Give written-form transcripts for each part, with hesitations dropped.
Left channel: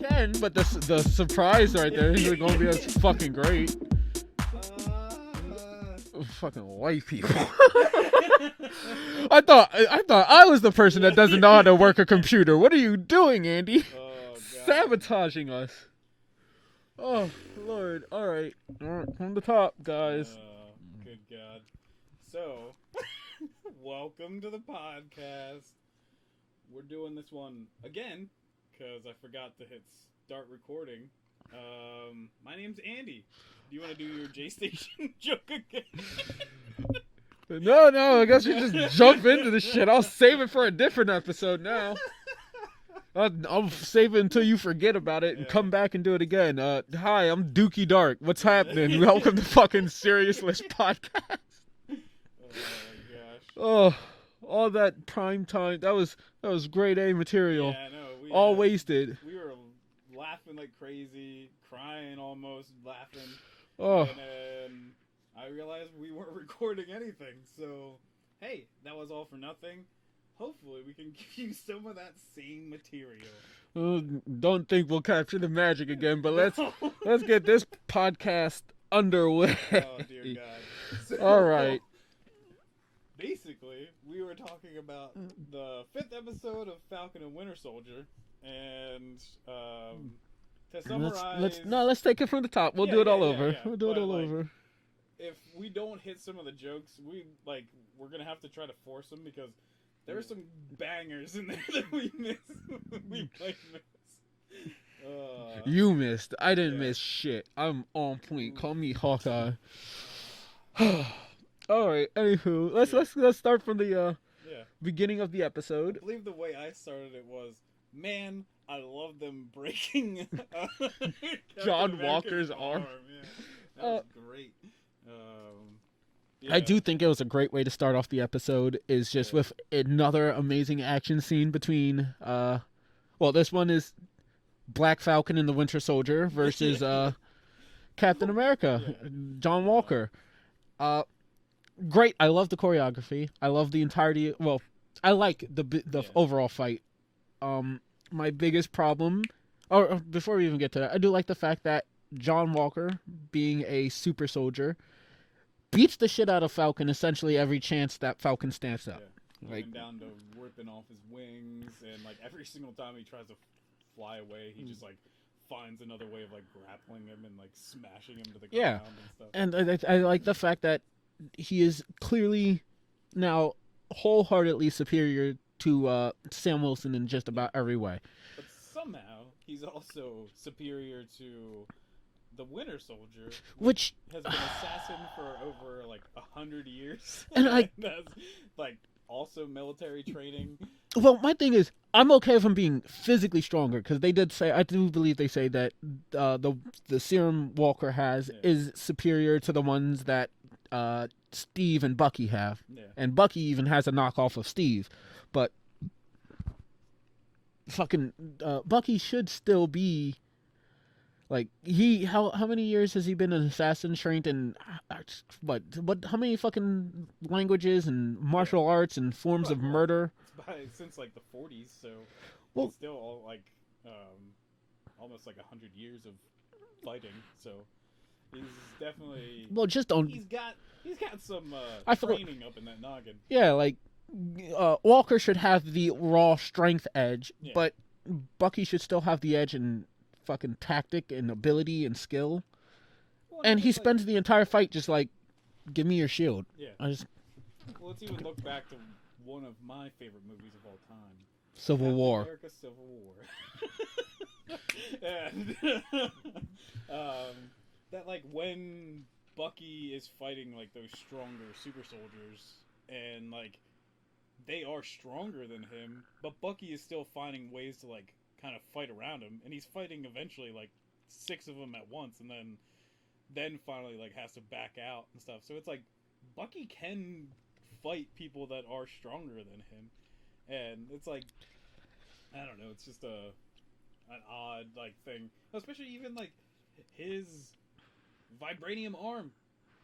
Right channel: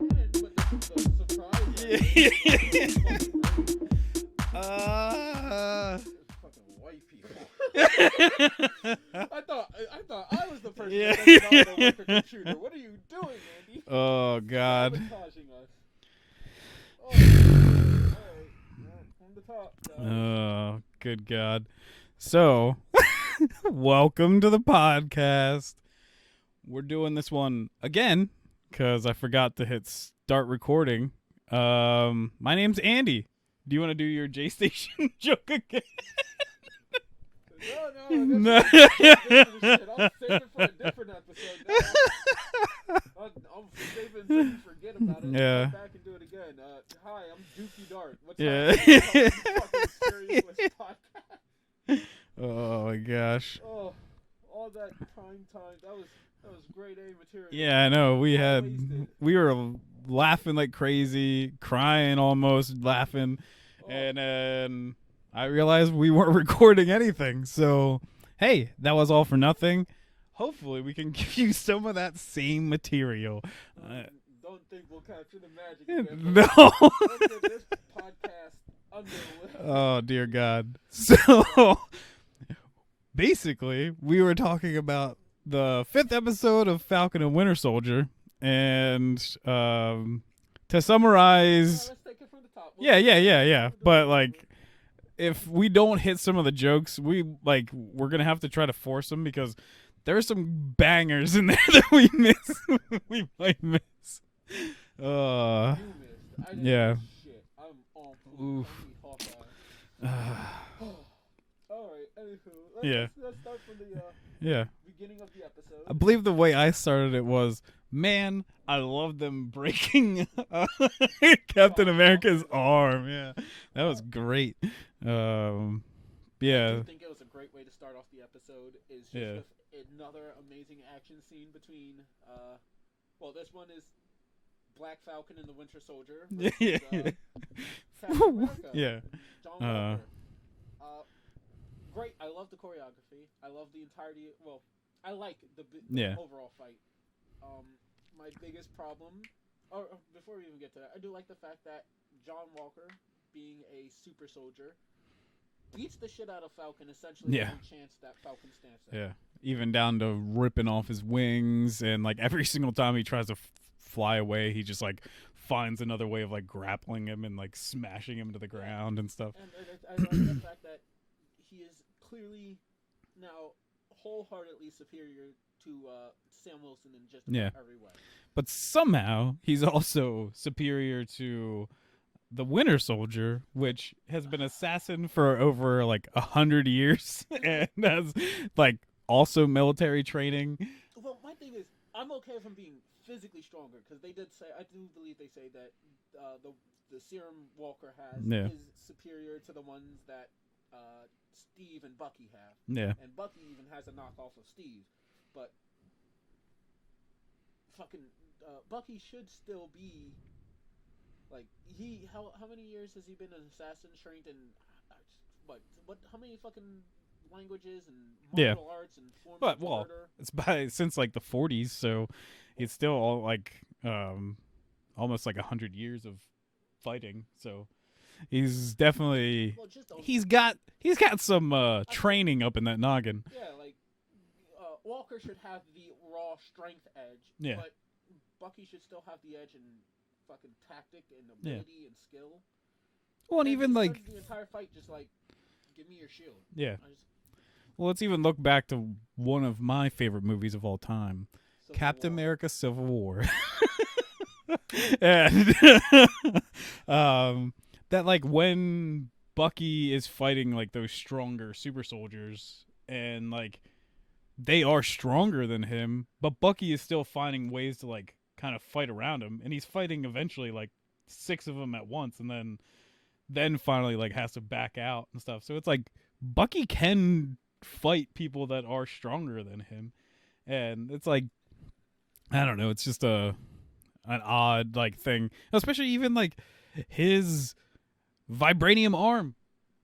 Can, but the surprise right there is gonna be fucking great. Fucking white people. I thought I was the person that doesn't know how to work a computer. What are you doing, Andy? Oh God! Sabotaging us. Oh, good. All right, from the top, guys. Oh, good God! So, welcome to the podcast. We're doing this one again because I forgot to hit start recording. My name's Andy. Do you want to do your J Station joke again? No, I guess we just jump into the shit. I'll save it for a different episode now. I'll save it until you forget about it and come back and do it again. Hi, I'm Dookie Dark. What's happening? Welcome to fucking Serious List Podcast. Oh my gosh. Oh, all that prime time. That was grade A material. Yeah, I know. All wasted. We were laughing like crazy, crying almost, laughing. Oh. And then I realized we weren't recording anything. So, hey, that was all for nothing. Hopefully, we can give you some of that same material. Don't think we'll capture the magic again, but No. let's get this podcast underway. Oh, dear God. So, All right. Basically, we were talking about the 5th episode of Falcon and Winter Soldier. And to summarize... let's take it from the top. We'll yeah. We'll but, like... If we don't hit some of the jokes, we're gonna have to try to force them because there's some bangers in there that we might miss. You missed. I didn't miss shit. I'm on point. Oof. Call me Hawkeye. All right. Anywho, let's start from the beginning of the episode. I believe the way I started it was, man, I love them breaking Captain America's arm. Yeah, that was great. I do think it was a great way to start off the episode is just with another amazing action scene between this one is Black Falcon and the Winter Soldier versus Captain America, John Walker. Great. I love the choreography. I love the entirety. Well, I like the overall fight. My biggest problem, or before we even get to that, I do like the fact that John Walker, being a super soldier, beats the shit out of Falcon essentially every chance that Falcon stands up. Yeah, even down to ripping off his wings, and like every single time he tries to fly away, he just like finds another way of like grappling him and like smashing him to the ground and stuff. And I like the fact that he is clearly now wholeheartedly superior to Sam Wilson in just about every way. But somehow he's also superior to the Winter Soldier, which has been assassin for over like 100 years, and has like also military training. Well, my thing is, I'm okay with him being physically stronger because they did say, I do believe they say that the serum Walker has is superior to the ones that Steve and Bucky have. Yeah, and Bucky even has a knockoff of Steve, but fucking Bucky should still be. Like how many years has he been an assassin trained in how many fucking languages and martial arts and forms of murder? It's since like the 40s, so it's still all like almost like 100 years of fighting. So he's definitely he's got some training up in that noggin. Yeah, like Walker should have the raw strength edge, but Bucky should still have the edge in fucking tactic and ability and skill. Well, and he spends the entire fight just like, give me your shield. Yeah. Let's even look back to one of my favorite movies of all time, Captain America: Civil War. And that like when Bucky is fighting like those stronger super soldiers and like they are stronger than him, but Bucky is still finding ways to like kind of fight around him, and he's fighting eventually like 6 of them at once, and then finally like has to back out and stuff. So it's like Bucky can fight people that are stronger than him, and it's like I don't know, it's just an odd like thing, especially even like his vibranium arm.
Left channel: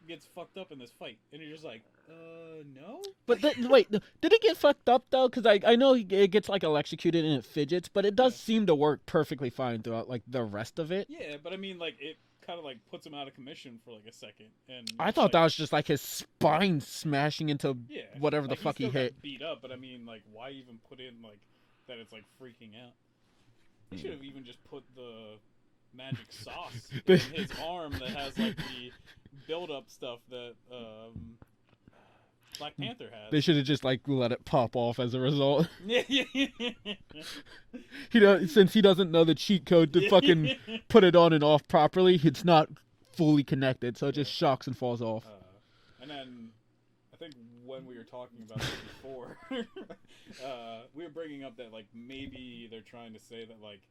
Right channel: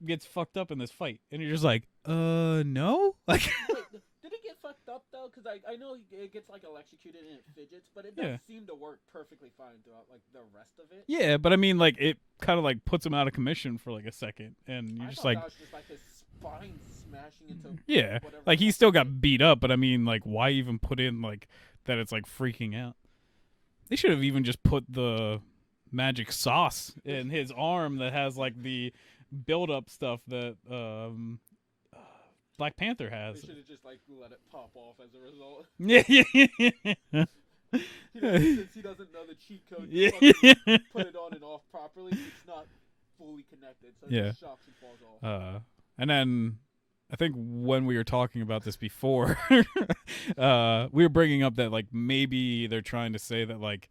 gets fucked up in this fight, and you're just like, no. Like, Wait, did it get fucked up though? Because I know it gets like electrocuted and it fidgets, but it does seem to work perfectly fine throughout like the rest of it. yeah, but I mean, like, it kind of like puts him out of commission for like a second, and I thought that was just like his spine smashing into whatever. Like the he fuck still hit. got beat up, but I mean, like, why even put in like that? It's like freaking out. They should have even just put the magic sauce in his arm that has like the build-up stuff that Black Panther has. They should have just like let it pop off as a result. Yeah. Since he doesn't know the cheat code to fucking put it on and off properly, it's not fully connected, so it just shocks and falls off. And then I think when we were talking about this before, we were bringing up that like maybe they're trying to say that like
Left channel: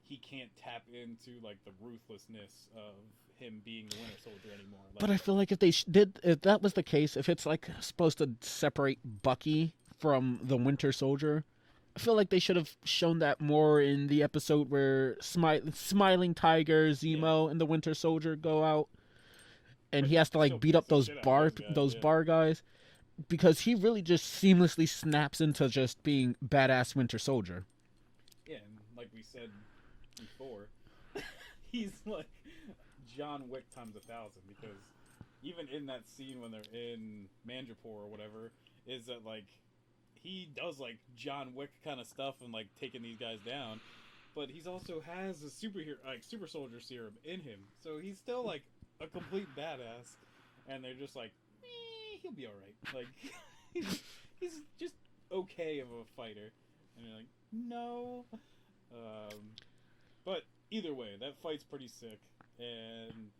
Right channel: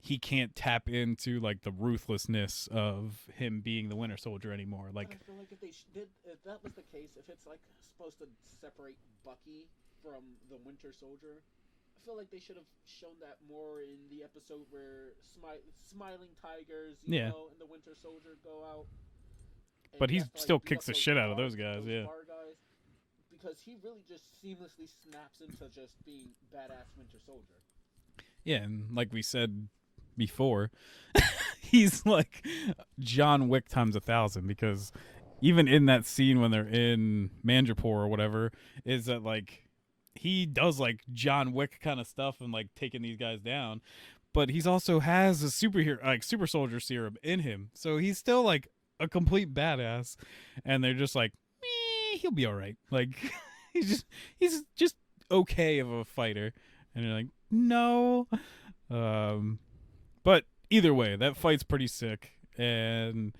he can't tap into like the ruthlessness of him being the Winter Soldier anymore. Like, but I feel like if they if that was the case, if it's like supposed to separate Bucky from the Winter Soldier, I feel like they should have shown that more in the episode where Smiling Tiger, Zemo, and the Winter Soldier go out, and but he has to like beat up those guys, bar guys, because he really just seamlessly snaps into just being badass Winter Soldier. Yeah, and like we said before, he's like John Wick times 1,000, because even in that scene when they're in Mandrapore or whatever, is that like he does like John Wick kind of stuff and like taking these guys down, but he's also has a super soldier serum in him, so he's still like a complete badass, and they're just like, he'll be all right. Like he's just okay of a fighter, and you're like, no. But either way, that fight's pretty sick, and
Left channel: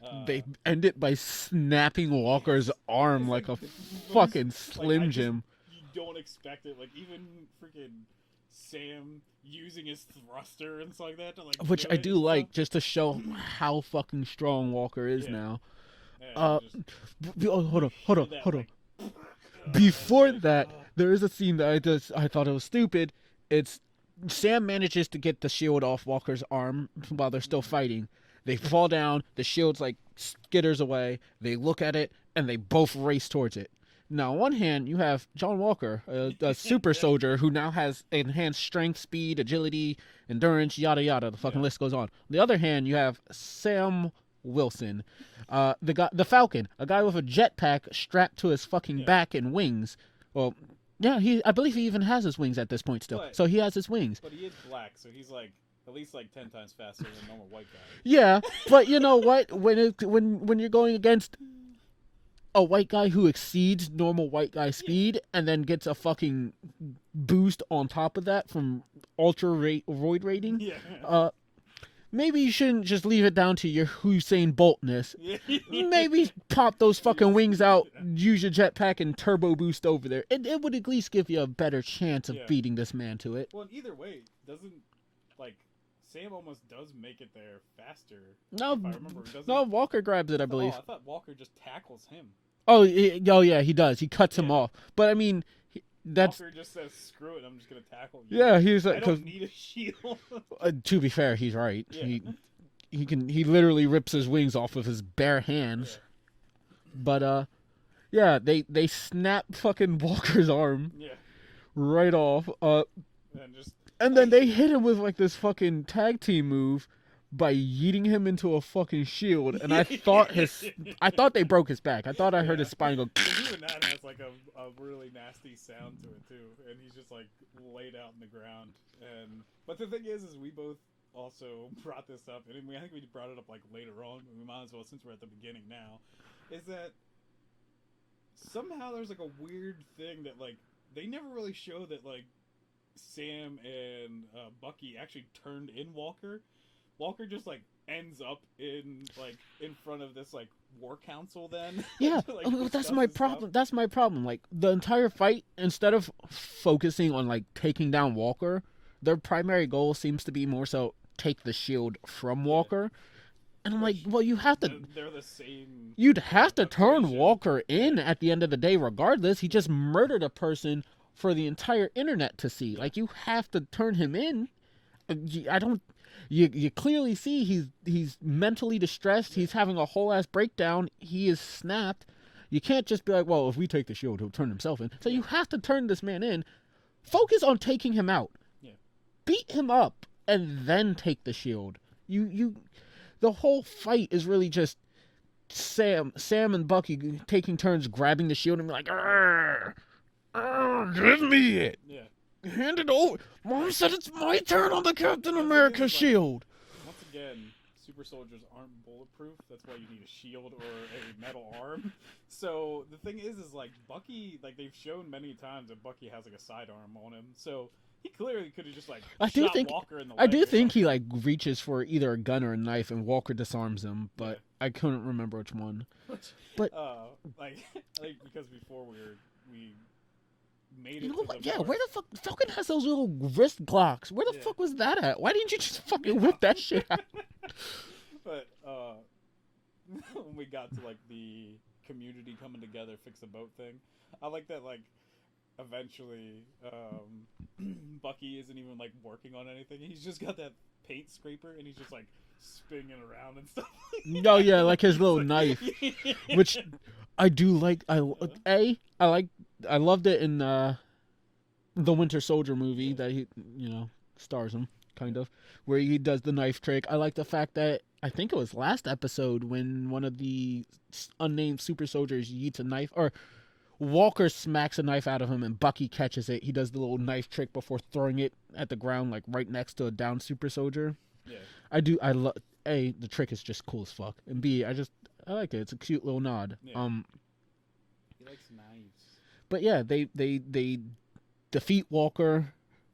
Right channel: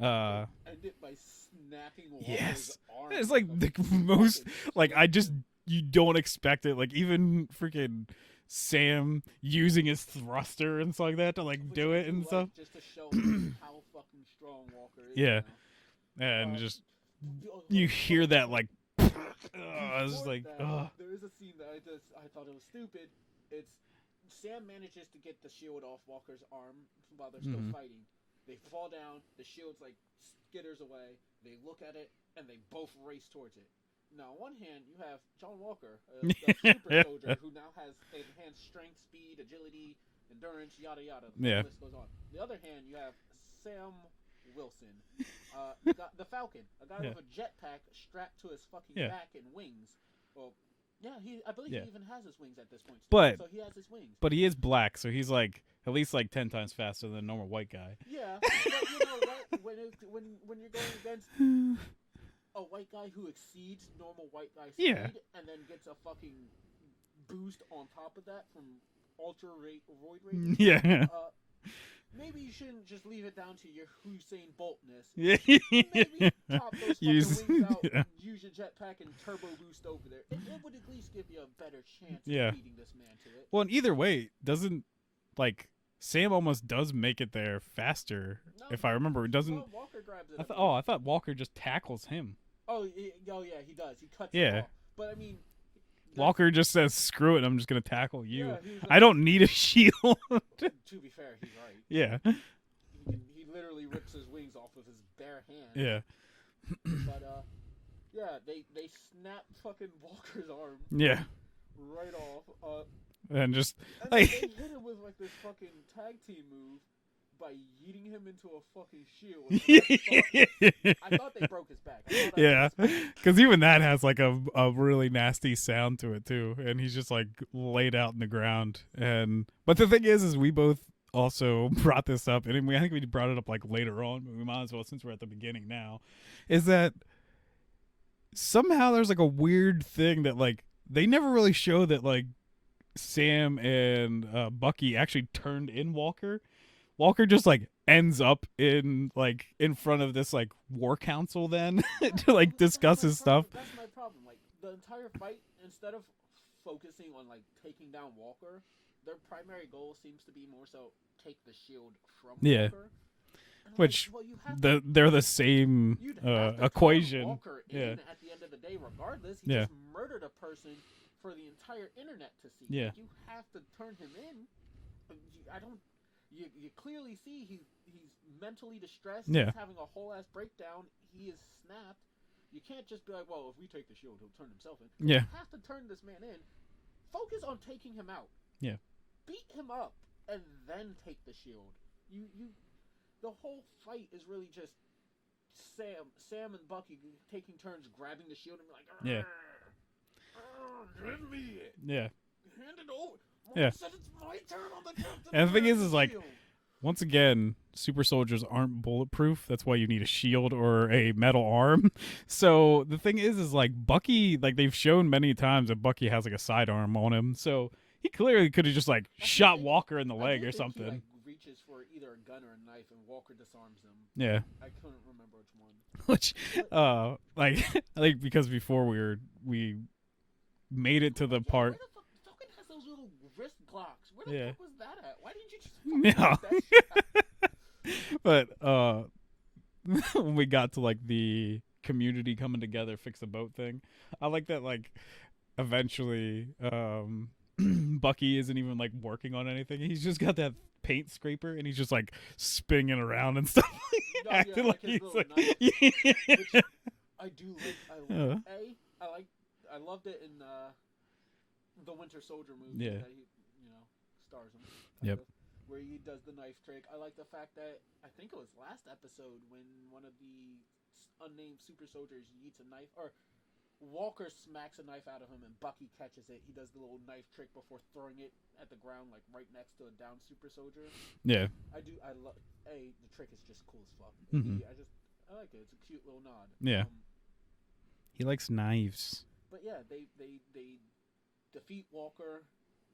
they end it by snapping Walker's arm it's like a the fucking like I just him. You don't expect it. Like even freaking Sam using his thruster and stuff like that to like which do I it do and like stuff. just to show how fucking strong Walker is now. And just hold on. Before like, that, there is a scene that I thought it was stupid. It's Sam manages to get the shield off Walker's arm while they're still fighting. They fall down, the shield's like skitters away, they look at it, and they both race towards it. Now, on one hand, you have John Walker, a super soldier who now has enhanced strength, speed, agility, endurance, yada yada. The fucking list goes on. On the other hand, you have Sam Wilson, the Falcon, a guy with a jetpack strapped to his fucking back and wings. Well, yeah, I believe he even has his wings at this point still. So he has his wings. But he is black, so he's like at least like 10 times faster than a normal white guy. Yeah, but you know what? When you're going against a white guy who exceeds normal white guy speed and then gets a fucking boost on top of that from ultra roid rating, maybe you shouldn't just leave it down to your Usain Boltness. Maybe pop those fucking wings out, use your jetpack, and turbo boost over there. It would at least give you a better chance of beating this man to it. Well, and either way, doesn't like Sam almost does make it there faster. No, if I remember, it doesn't. No, Walker grabs it, I believe. Oh, I thought Walker just tackles him. Oh yeah, he does. He cuts him off. But I mean, Walker just says, "Screw it, I'm just gonna tackle you." Yeah, he's. I don't need a shield. To be fair, he's right. Yeah, he literally rips his wings off with his bare hands. Yeah, but they snap fucking Walker's arm. Yeah, right off. And then they hit him with like this fucking tag team move by yeeting him into a fucking shield, and I thought they broke his back. I thought I heard his spinal, because even that has like a really nasty sound to it too, and he's just like laid out in the ground. But the thing is we both also brought this up, and I think we brought it up like later on, but we might as well since we're at the beginning now, is that somehow there's like a weird thing that like they never really show that like Sam and Bucky actually turned in Walker. Walker just like ends up in front of this like war council then to like discuss his stuff. That's my problem. Like the entire fight, instead of focusing on like taking down Walker, their primary goal seems to be more so take the shield from Walker. And I'm like, well, you have to. They're the same. You'd have to turn equation. Walker in at the end of the day, regardless. He just murdered a person for the entire internet to see. Like, you have to turn him in. you clearly see he's mentally distressed. Yeah. He's having a whole ass breakdown. He is snapped. You can't just be like, well, if we take the shield, he'll turn himself in. So Yeah. you have to turn this man in. Focus on taking him out. Yeah. Beat him up and then take the shield. The whole fight is really just Sam and Bucky taking turns grabbing the shield and be like, give me it. Yeah. Hand it over. Mom said it's my turn on the Captain And the thing America is, like, shield. Once again, super soldiers aren't bulletproof. That's why you need a shield or a metal arm. So the thing is like Bucky, like they've shown many times that Bucky has like a sidearm on him. So he clearly could have just like shot Walker in the leg. I do or think he something. like reaches for either a gun or a knife, and Walker disarms him. But Yeah. I couldn't remember which one. Which, But- like because before we made it to the part. Where the fuck Falcon has those little wrist Glocks? Where the Yeah. fuck was that at? Why didn't you just fucking Yeah. whip that shit out? But when we got to like the community coming together, fix the boat thing, I like that like eventually Bucky isn't even like working on anything. He's just got that paint scraper and he's just like spinning around and stuff. Oh yeah, like his he's little like- knife, Yeah. which I do like. Yeah. I loved it in the Winter Soldier movie Yeah. that he stars him kind Yep. of, where he does the knife trick. I like the fact that I think it was last episode when one of the unnamed super soldiers yeets a knife, or Walker smacks a knife out of him and Bucky catches it. He does the little knife trick before throwing it at the ground, like right next to a downed super soldier. Yeah. I love A, the trick is just cool as fuck, and B, I like it. It's a cute little nod. Yeah. He likes knives. But yeah, they defeat Walker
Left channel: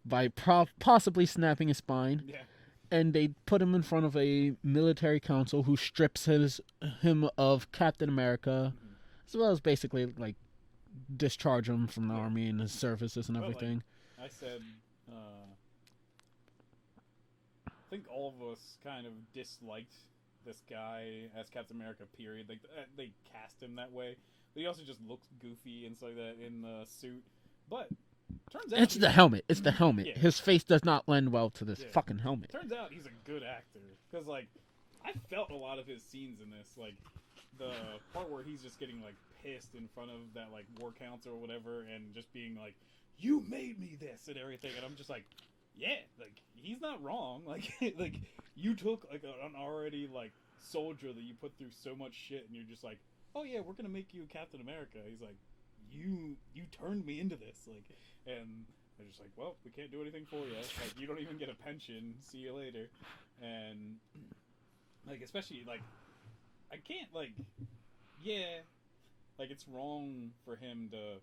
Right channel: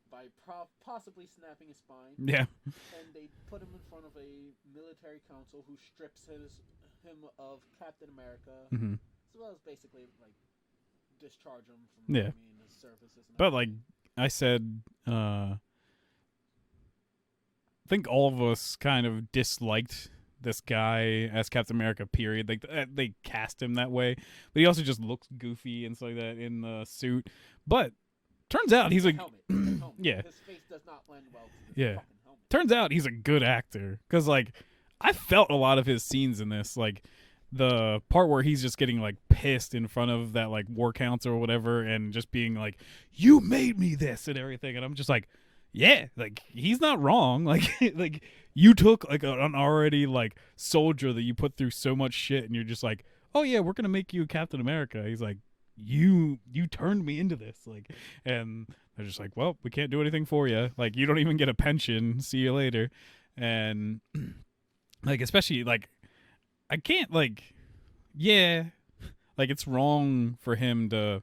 by possibly snapping his spine, Yeah. and they put him in front of a military council who strips him of Captain America, Mm-hmm. as well as basically like discharge him from the army and his services and But like everything. I said, I think all of us kind of disliked this guy as Captain America. Period. Like they cast him that way, but he also just looks goofy and stuff like that in the suit. But turns out It's he's the a helmet. It's the helmet. Yeah. His face does not lend well to this Yeah. fucking helmet. turns out he's a good actor because like I felt a lot of his scenes in this, like the part where he's just getting like pissed in front of that like war council or whatever and just being like, you made me this and everything, and I'm just like, yeah, like he's not wrong. Like like you took like an already like soldier that you put through so much shit and you're just like, oh yeah, we're gonna make you Captain America. He's like, you turned me into this, like, and they're just like, well, we can't do anything for you. Like, you don't even get a pension. See you later. And like, especially like, I can't like, yeah, like it's wrong for him to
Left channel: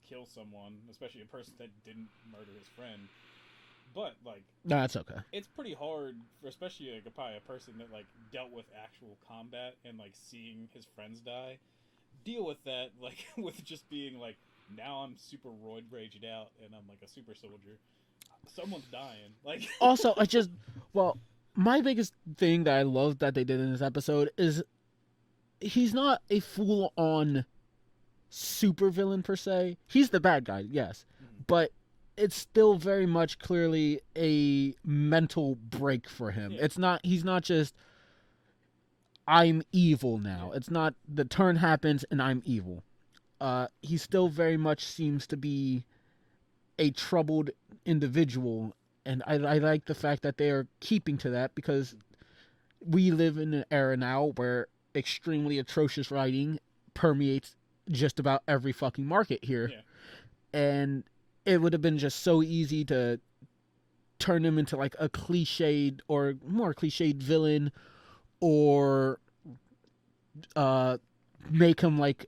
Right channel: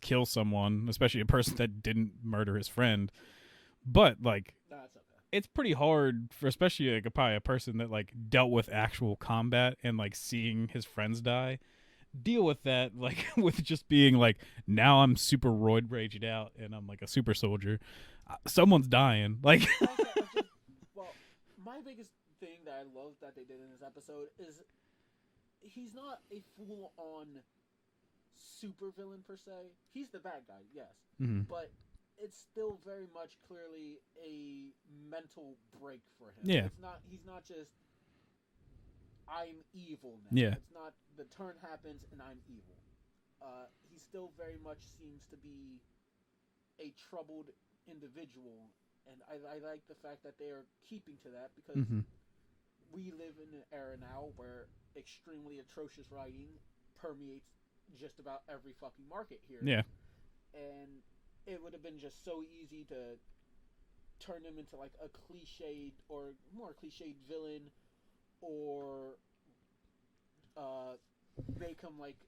kill someone, especially a person that didn't murder his friend. But like, No, that's okay. it's pretty hard for especially like probably a person that like dealt with actual combat and like seeing his friends die. Deal with that like with just being like, now I'm super roid raged out and I'm like a super soldier. Someone's dying. Like Also, my biggest thing that I love that they did in this episode is he's not a full-on supervillain per se. He's the bad guy, yes, but it's still very much clearly a mental break for him. Yeah. He's not just I'm evil now. Yeah. It's not the turn happens and I'm evil. He still very much seems to be a troubled individual, and I like the fact that they are keeping to that because we live in an era now where extremely atrocious writing permeates just about every fucking market here. Yeah. And it would have been just so easy to turn him into like a cliched or more cliched villain, or make him like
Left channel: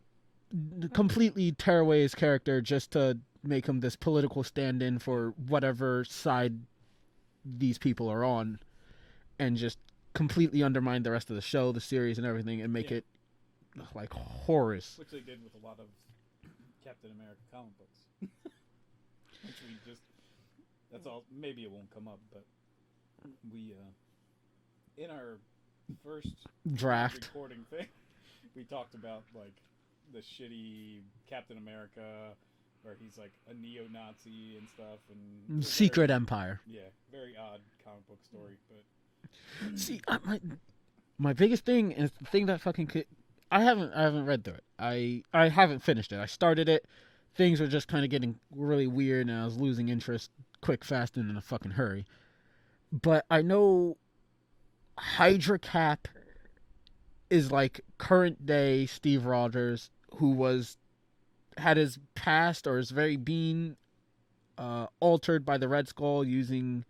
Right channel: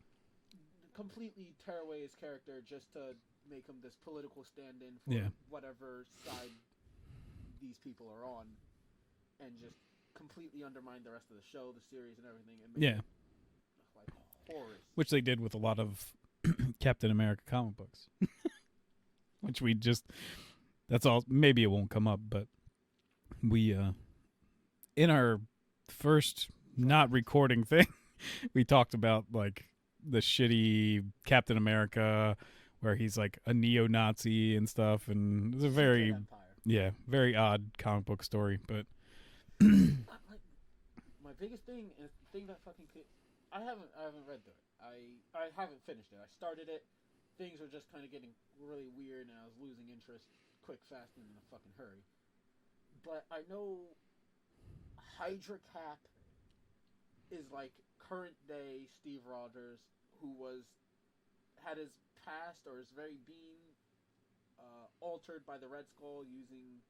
completely tear away his character just to make him this political stand-in for whatever side these people are on, and just completely undermine the rest of the show, the series, and everything, and make it like horrors. which they did with a lot of Captain America comic books. Which we just, that's all, maybe it won't come up, but we in our first Draft. not recording thing, we talked about like the shitty Captain America where he's like a neo-Nazi and stuff, and it's a Secret very, Empire. Yeah, very odd comic book story, but See, my biggest thing is the thing that fucking I haven't read through it. I haven't finished it. I started it. Things were just kind of getting really weird, and I was losing interest quick, fast, and in a fucking hurry. But I know Hydra Cap is like current day Steve Rogers, who had his past or his very being altered by the Red Skull using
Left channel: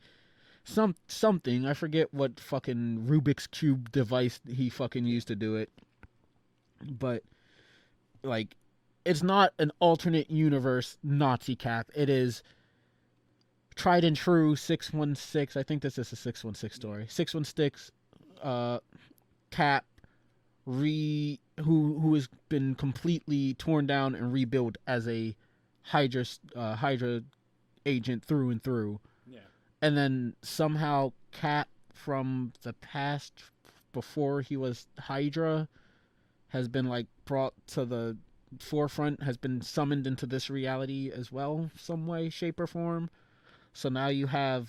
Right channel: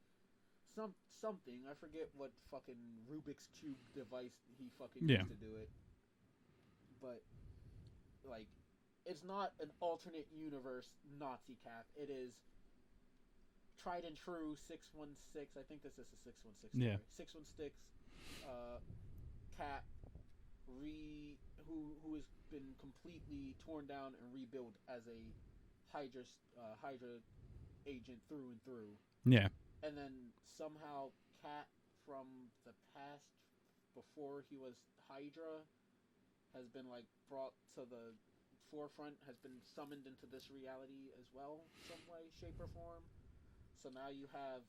something. I forget what fucking Rubik's Cube device he fucking used to do it. But like, it's not an alternate universe Nazi Cap. It is tried and true 616. I think this is a 616 story. 616 Cap who has been completely torn down and rebuilt as a Hydra agent through and through. yeah. And then somehow Cap from the past, before he was Hydra, has been like brought to the forefront, has been summoned into this reality as well, some way, shape, or form. So now you have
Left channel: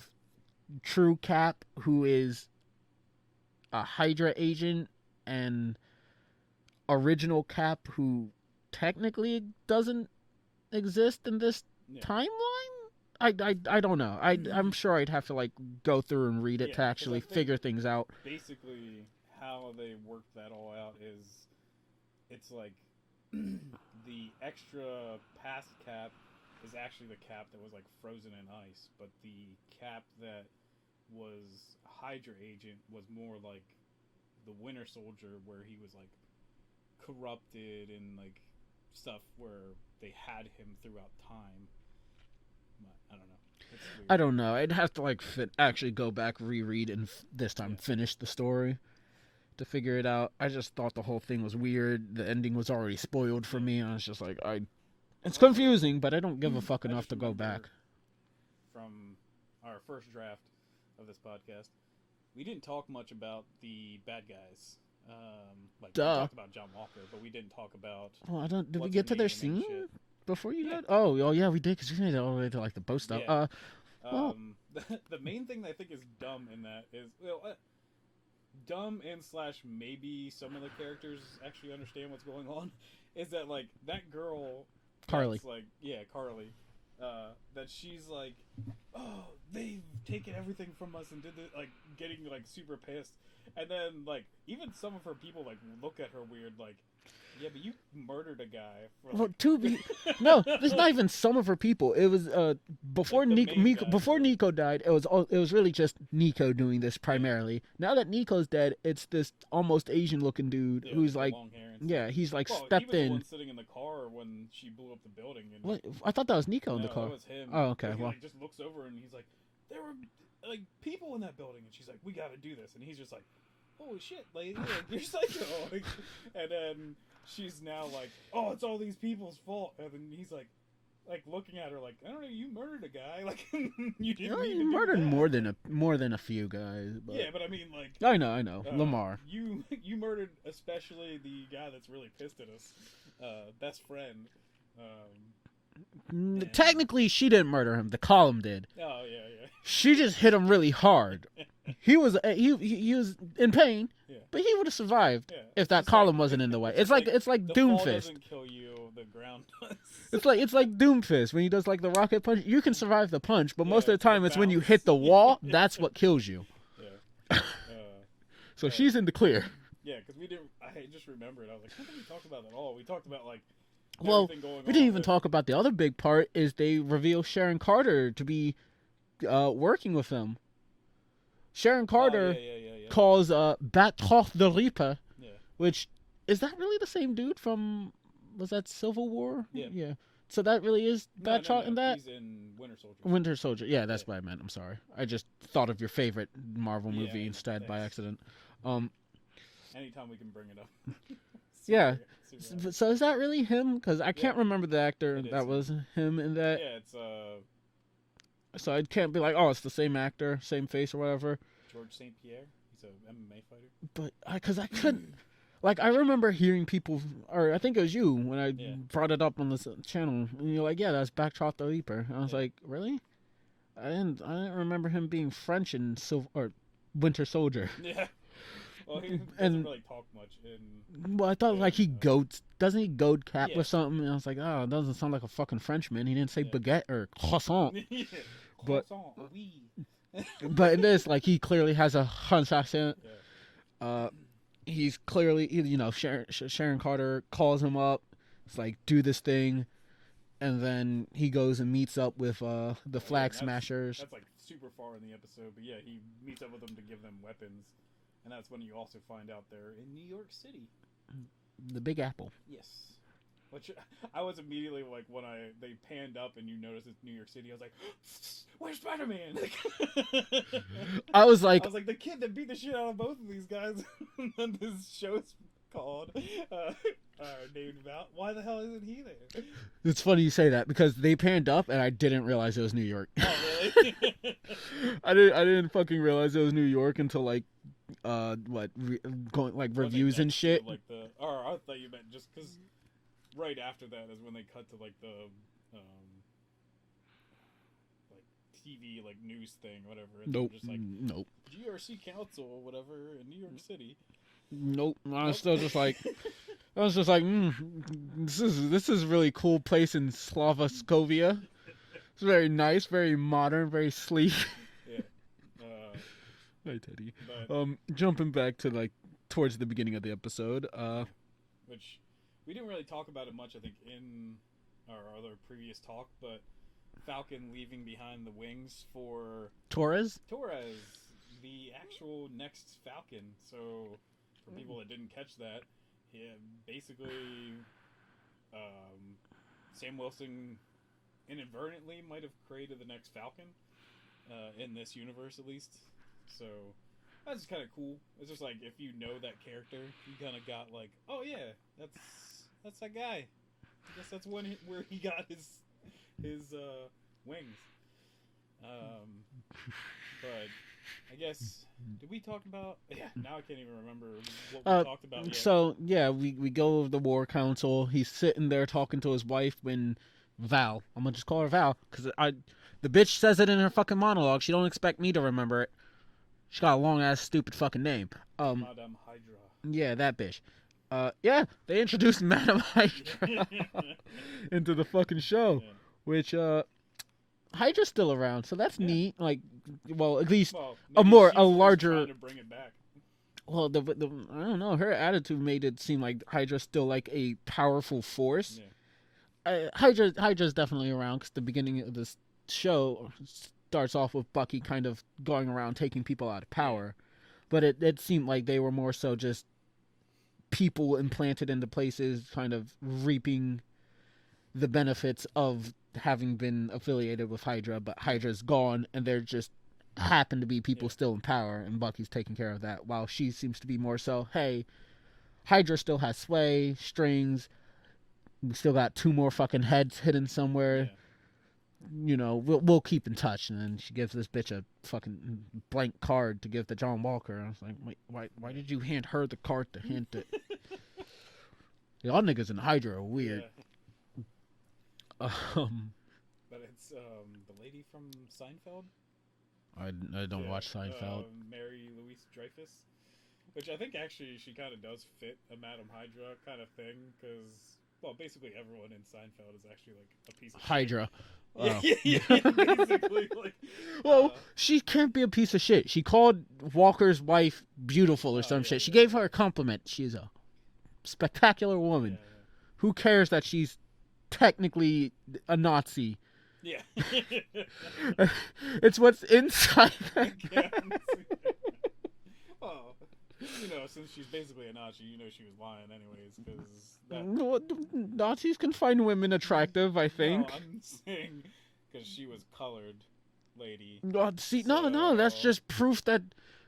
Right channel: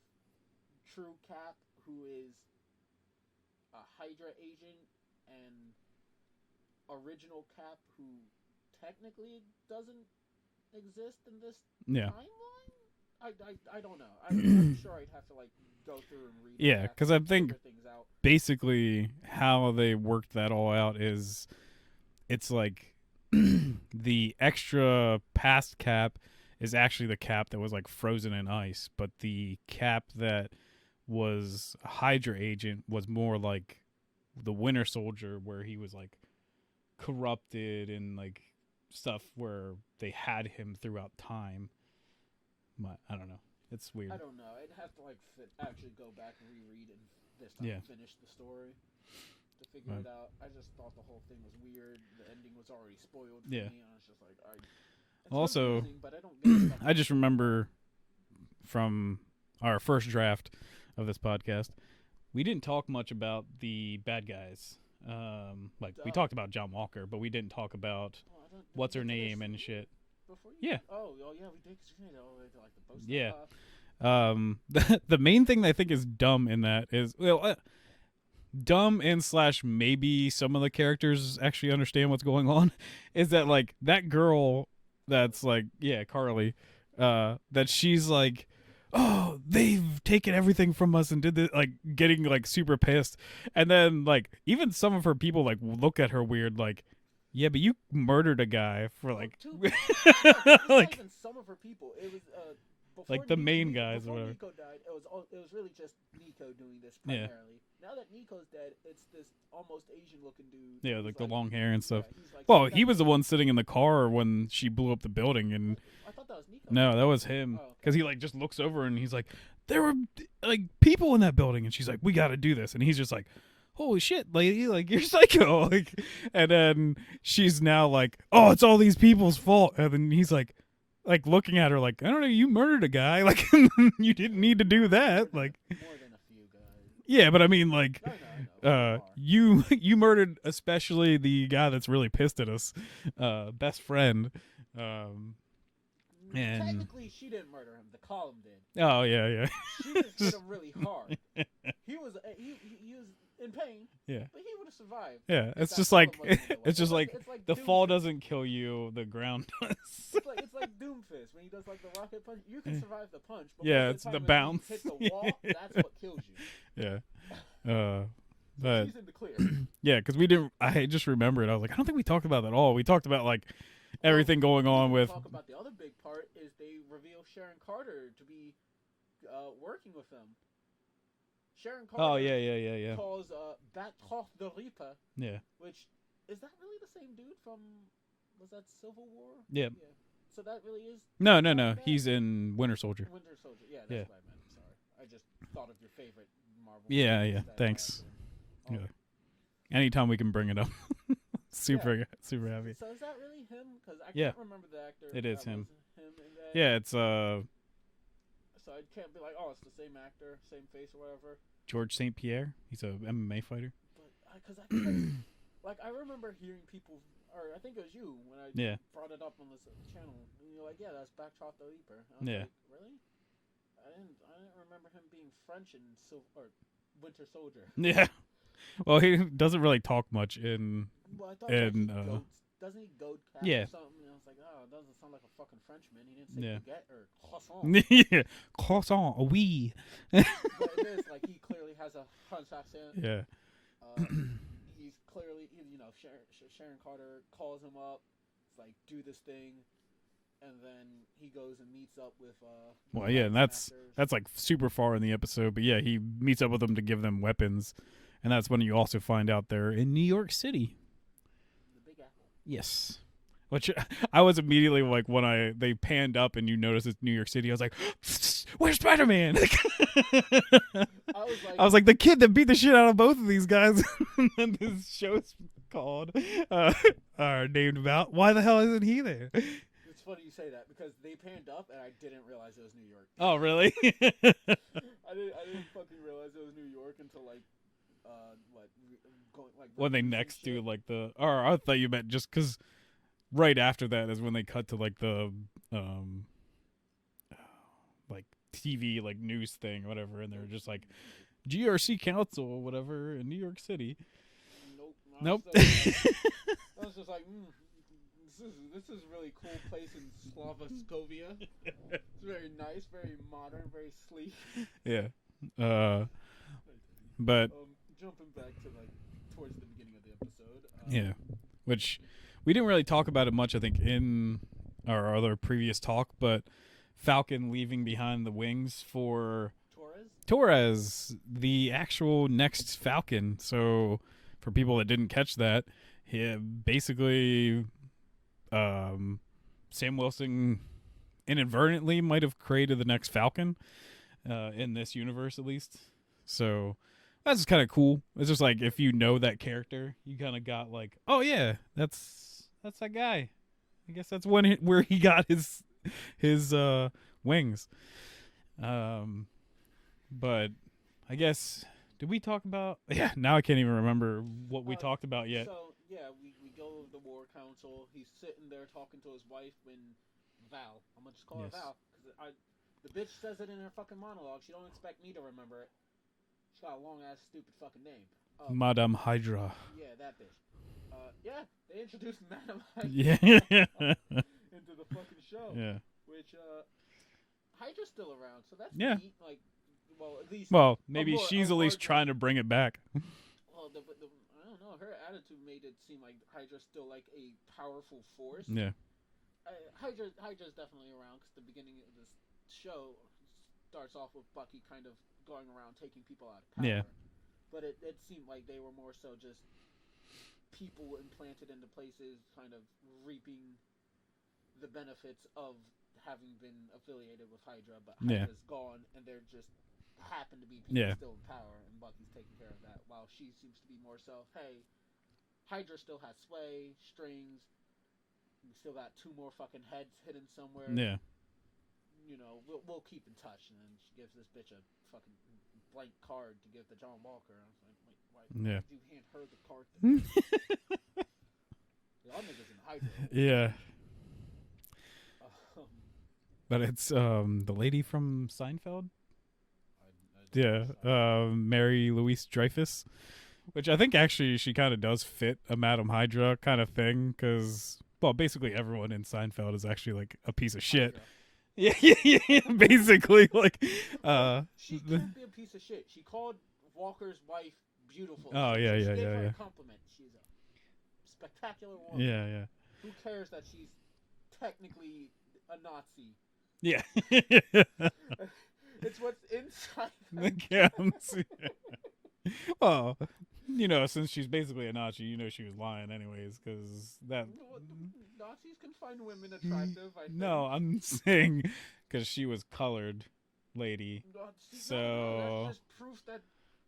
True Cap, who is a Hydra agent, and original Cap, who technically doesn't exist in this timeline. I don't know. I'm sure I'd have to like go through and read it to actually figure things out. Basically, how they worked that all out is, it's like the extra past Cap is actually the Cap that was like frozen in ice, but the Cap that was a Hydra agent was more like the Winter Soldier, where he was like corrupted and like stuff, where they had him throughout time. But I don't know. It's weird. I don't know. I'd have to like actually go back, reread, and this time finish the story to figure it out. I just thought the whole thing was weird. The ending was already spoiled for me. I was just like, it's also confusing, but I don't give a fuck. I just remember from our first draft of this podcast, we didn't talk much about the bad guys. We talked about John Walker, but we didn't talk about did we get to their scene before you got? Oh yeah, we did, because we made it all the way to like the boat stuff. Yeah. The main thing that I think is dumb in that is, dumb and / maybe some of the characters actually understand what's going on, is that like that girl that's like Carly, that she's like, oh, they've taken everything from us and did this, like getting like super pissed, and then like even some of her people like look at her weird, like, yeah, but you murdered a guy for like no, it's not even some of her people. It was before like before Nico died. It was really just Nico doing this primarily. Yeah. Now that Nico's dead, it's this almost Asian looking dude who's like long hair and stuff. Yeah, he's like. Well, he was the one sitting in the car when she blew up the building, and what? I thought that was Nico. No, that was him. Oh, okay. Because he like just looks over and he's like, there were like people in that building, and she's like, we got to do this, and he's just like, holy shit, lady, like, you're psycho. Like, and then she's now like, oh, it's all these people's fault. And then he's like looking at her like, I don't know, you murdered a guy. Like, you didn't need to do that. More than a few guys. But yeah, but I mean, like, I know. Lamar. You murdered especially the guy that's really pissed at us, best friend. Technically, she didn't murder him. The column did. Oh yeah. She just hit him really hard. He was in pain. Yeah. But he would have survived. Yeah. If that column wasn't in the way. It's like the Doomfist. fall doesn't kill you, the ground does. It's like Doomfist when he does like the rocket punch. You can survive the punch, but most of the time it's when you hit the wall. That's what kills you. Yeah. So she's in the clear. Yeah, because I just remembered. I was like, I don't think we talked about that at all. We talked about like everything going on. We didn't even talk about the other big part is they reveal Sharon Carter to be working with him. Sharon Carter calls Batroth the Reaper. Yeah. Which, is that really the same dude from, was that Civil War? Yeah. Yeah. So that really is... No. He's in Winter Soldier. Winter Soldier. Yeah, that's what I meant. I'm sorry. I just thought of your favorite Marvel movie instead by accident. Anytime we can bring it up. Super happy. So is that really him? Because I can't remember the actor was him in that. Yeah, it's... So I can't be like, oh, it's the same actor, same face or whatever. George St. Pierre. He's a MMA fighter. But because I couldn't... Like, I remember hearing people, or I think it was you when I Yeah. brought it up on this channel, and you're like, "Yeah, that's Backshot the Leaper." And I was Yeah. like, "Really? I didn't remember him being French in or Winter Soldier." Yeah. Well, he doesn't And- really talk much in. Well, I thought like he And, goads. Doesn't he goad Cap Yeah. or something? And I was like, "Oh, it doesn't sound like a fucking Frenchman." He didn't say Yeah. baguette or croissant. Yeah. Croissant, oui. But in this, like, he clearly has a French accent. Yeah. He's clearly, Sharon Carter calls him up. It's like, do this thing. And then he goes and meets up with the Well, Flag and Smashers. That's like super far in the episode, but yeah, he meets up with them to give them weapons, and that's when you also find out they're in New York City. The Big Apple. Yes. Which I was immediately like when they panned up and you noticed it's New York City. I was like, "Where's Spider-Man?" I was like, the kid that beat the shit out of both of these guys. And then this show's called named about. Why the hell isn't he there? it's funny you say that because they panned up and I didn't realize it was New York. Oh, really? I didn't fucking realize it was New York until like going like When they reviews and next shit. do, like or I thought you meant just because right after that is when they cut to like the like TV like news thing or whatever, and Nope. they're just like Nope. GRC Council or whatever in New York City. Nope. I Nope. was still just like, I was just like, this is a really cool place in Slavoskovia. It's very nice, very modern, very sleek. Yeah. Hi, Teddy. But Jumping back to like towards the beginning of the episode. yeah, which we didn't really talk about it much, I think, in our other previous talk, but Falcon leaving behind the wings for Torres. the actual next Falcon. So for people that didn't catch that, he basically Sam Wilson inadvertently might have created the next Falcon in this universe, at least. So that's just kind of cool. It's just like if you know that character, you kind of got like, oh yeah, that's that guy. I guess that's where he got his wings. But I guess did we talk about? Yeah, now I can't even remember what we talked about yet. So yeah, we go over the War Council. He's sitting there talking to his wife when Val. I'm gonna just call her Val because the bitch says it in her fucking monologue. She don't expect me to remember it. She got a long ass stupid fucking name. Madame Hydra. Yeah, that bitch. Yeah, they introduced Madame Hydra Yeah. into the fucking show, Yeah. which Hydra's still around, so that's Yeah. neat. Like, well, at least Well, maybe more- she's a at least larger- trying to bring it back. well, the I don't know. Her attitude made it seem like Hydra's still like a powerful force. Yeah. Hydra's definitely around because the beginning of this show starts off with Bucky kind of going around taking people out of power, but it seemed like they were more so just people implanted into places, kind of reaping the benefits of having been affiliated with Hydra, but Hydra's gone, and there just happen to be people still in power, and Bucky's taking care of that, while she seems to be more so, hey, Hydra still has sway, strings, we still got 2 more fucking heads hidden somewhere. Yeah. You know, we'll keep in touch. And then she gives this bitch a fucking blank card to give to John Walker. I was like, wait, why did you hand her the card to hand to? Y'all niggas in Hydra are weird. Yeah. But it's the lady from Seinfeld. I don't watch Seinfeld. Mary Louise Dreyfus, which I think actually she kind of does fit a Madame Hydra kind of thing, because well, basically everyone in Seinfeld is actually like a piece of shit. Hydra. Yeah, basically like. Well, she can't be a piece of shit. She called Walker's wife beautiful or some shit. She gave her a compliment. She's a spectacular woman. Yeah. Who cares that she's technically a Nazi? Yeah. It's what's inside that Well, you know, since she's basically a Nazi, you know she was lying anyways, because that... Nazis can find women attractive, I think. No, I'm saying because she was colored lady. No, that's just proof that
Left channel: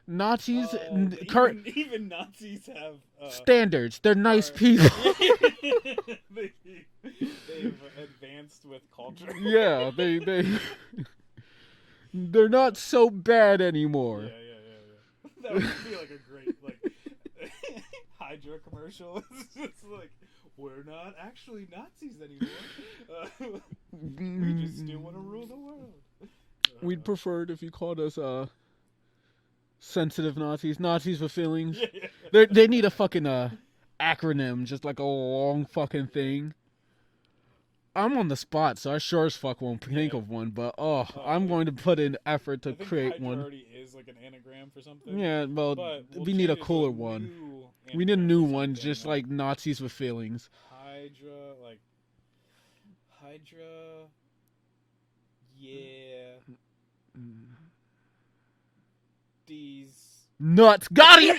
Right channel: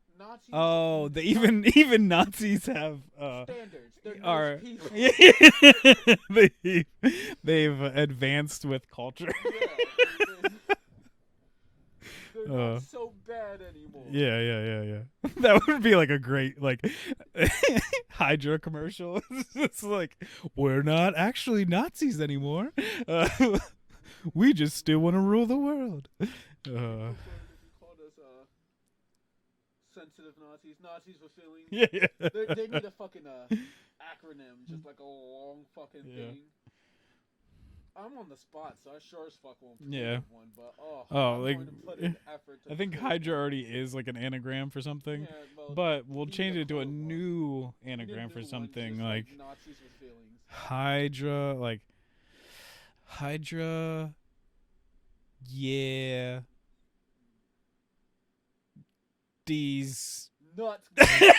Nazis even Nazis have standards. They're nice people. They've advanced with culture. Yeah, they They're not so bad anymore. Yeah. That would be like a great like Hydra commercial. It's like, we're not actually Nazis anymore. We just still want to rule the world. We'd prefer it if you called us sensitive Nazis with feelings. Yeah. They need a fucking acronym, just like a long fucking thing. I'm on the spot, so I sure as fuck won't think of one. But I'm going to put in effort to I think create Hydra one. already is like an anagram for something. Yeah, well, but we'll we change need it a to cooler one. New We need a anagram new for one, something, just like Nazis with feelings. Hydra, like Hydra. Yeah. These Nuts. Got it.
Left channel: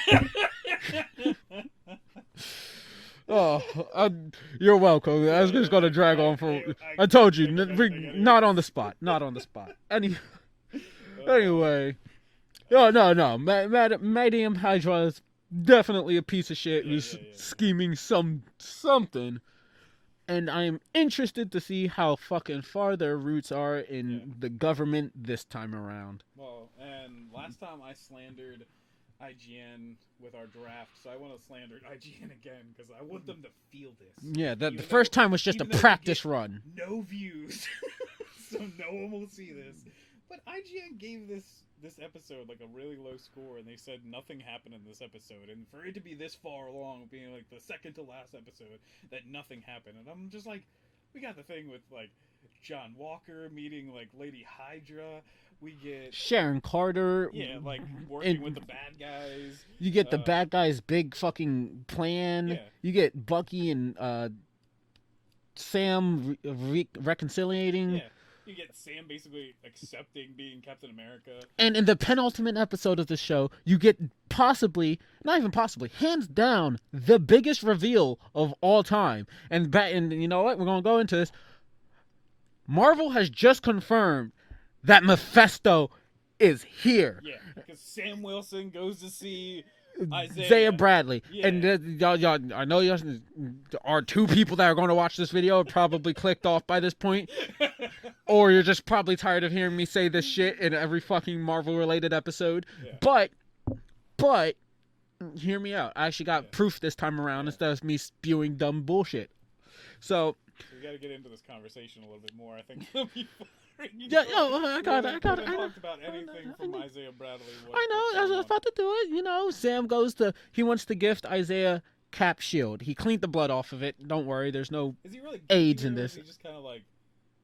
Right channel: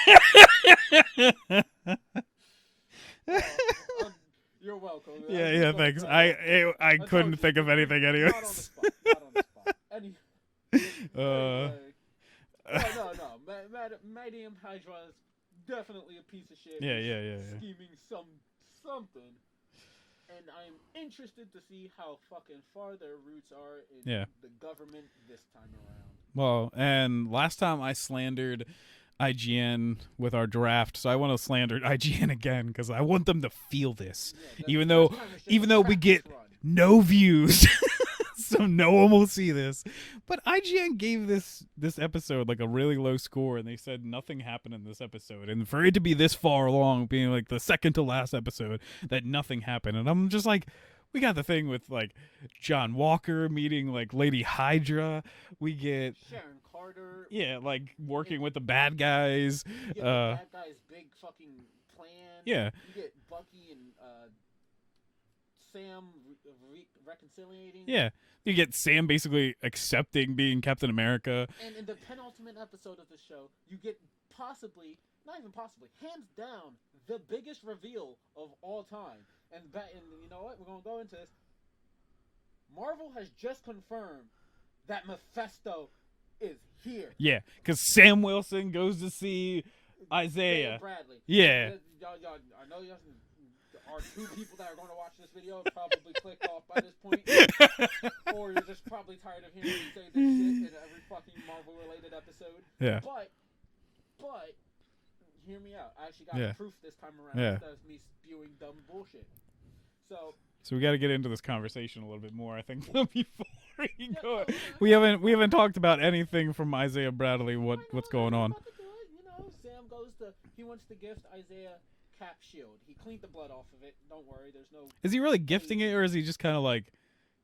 You're welcome. I was just going to drag on for. I told you. Think of anything not on the spot. Not on the spot. Anyway. No. Madame Hydra is definitely a piece of shit. Scheming something. And I am interested to see how fucking far their roots are in the government this time around. Well, and last time I slandered IGN with our draft, so I want to slander IGN again because I want them to feel this. Yeah, the first time was just a practice run. No views, so no one will see this. But IGN gave this episode like a really low score, and they said nothing happened in this episode. And for it to be this far along, being like the second to last episode, that nothing happened, and I'm just like, we got the thing with like John Walker meeting like Lady Hydra. We get Sharon Carter. Yeah, like working with the bad guys. You get the bad guys' big fucking plan. Yeah. You get Bucky and Sam reconciliating. Yeah. You get Sam basically accepting being Captain America. And in the penultimate episode of the show, you get hands down, the biggest reveal of all time. And you know what? We're going to go into this. Marvel has just confirmed that Mephisto is here. Yeah, because Sam Wilson goes to see Isaiah Bradley. Yeah. And y'all, I know there are two people that are going to watch this video probably clicked off by this point. Or you're just probably tired of hearing me say this shit in every fucking Marvel-related episode. Yeah. But, hear me out. I actually got proof this time around instead of me spewing dumb bullshit. So we got to get into this conversation a little bit more, I think. We haven't talked about anything from Isaiah Bradley. What's going on? I was about to do it. You know, Sam he wants to gift Isaiah Cap shield. He cleaned the blood off of it. Don't worry, there's no. Is he really gifting it, or is he just kind of like,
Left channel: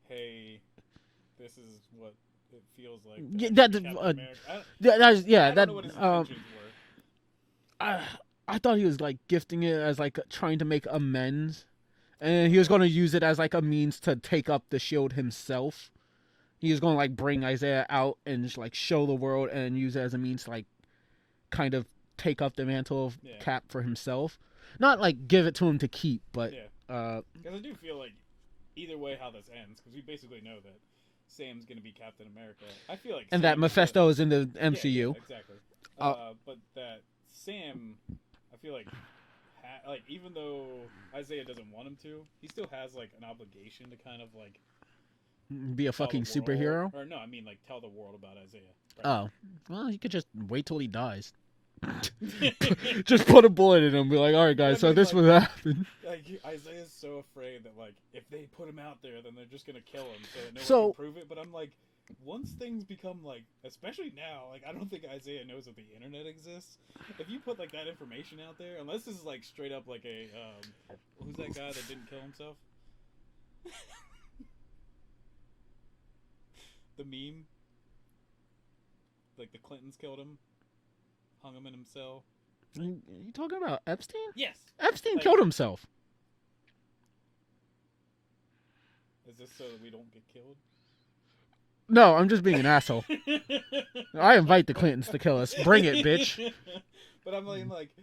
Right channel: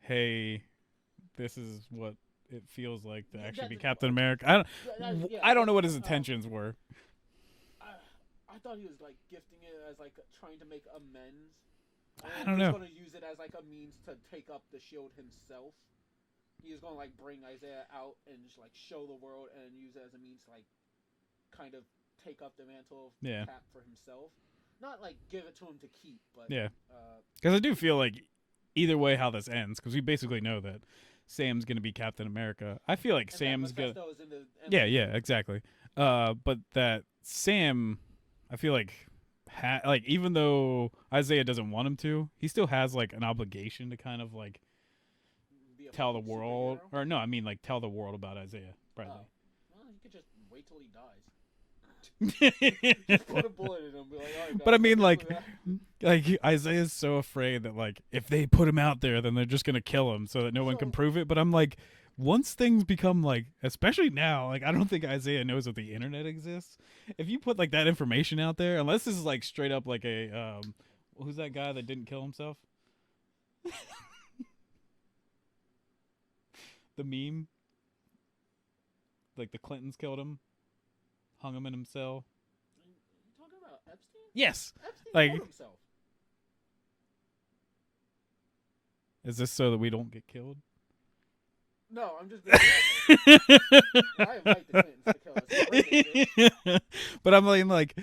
hey, this is what it feels like to be Captain America? I don't know what his intentions were. I thought he was like gifting it as like trying to make amends, and he was going to use it as like a means to take up the shield himself. He was going to like bring Isaiah out and just like show the world and use it as a means to like kind of take up the mantle of Cap for himself. Not like give it to him to keep, but because I do feel like either way how this ends, because we basically know that Sam's going to be Captain America. I feel like that Mephisto is in the MCU. Yeah, exactly. But that Sam, I feel like even though Isaiah doesn't want him to, he still has like an obligation to kind of like be a fucking superhero. Or no, I mean like tell the world about Isaiah. Right? Oh, well, he could just wait till he dies. Just put a bullet in him and be like, all right, guys, but I mean, this like, was happened. Like Isaiah's so afraid that like if they put him out there, then they're just gonna kill him so that no one can prove it. But I'm like, once things become like, especially now, like I don't think Isaiah knows that the internet exists. If you put like that information out there, unless this is like straight up like a who's that guy that didn't kill himself? The meme, like the Clintons killed him, hung him in himself. Are you talking about Epstein? Yes, Epstein killed himself. Is this so that we don't get killed? No, I'm just being an asshole. I invite the Clintons to kill us. Bring it, bitch. But I'm like,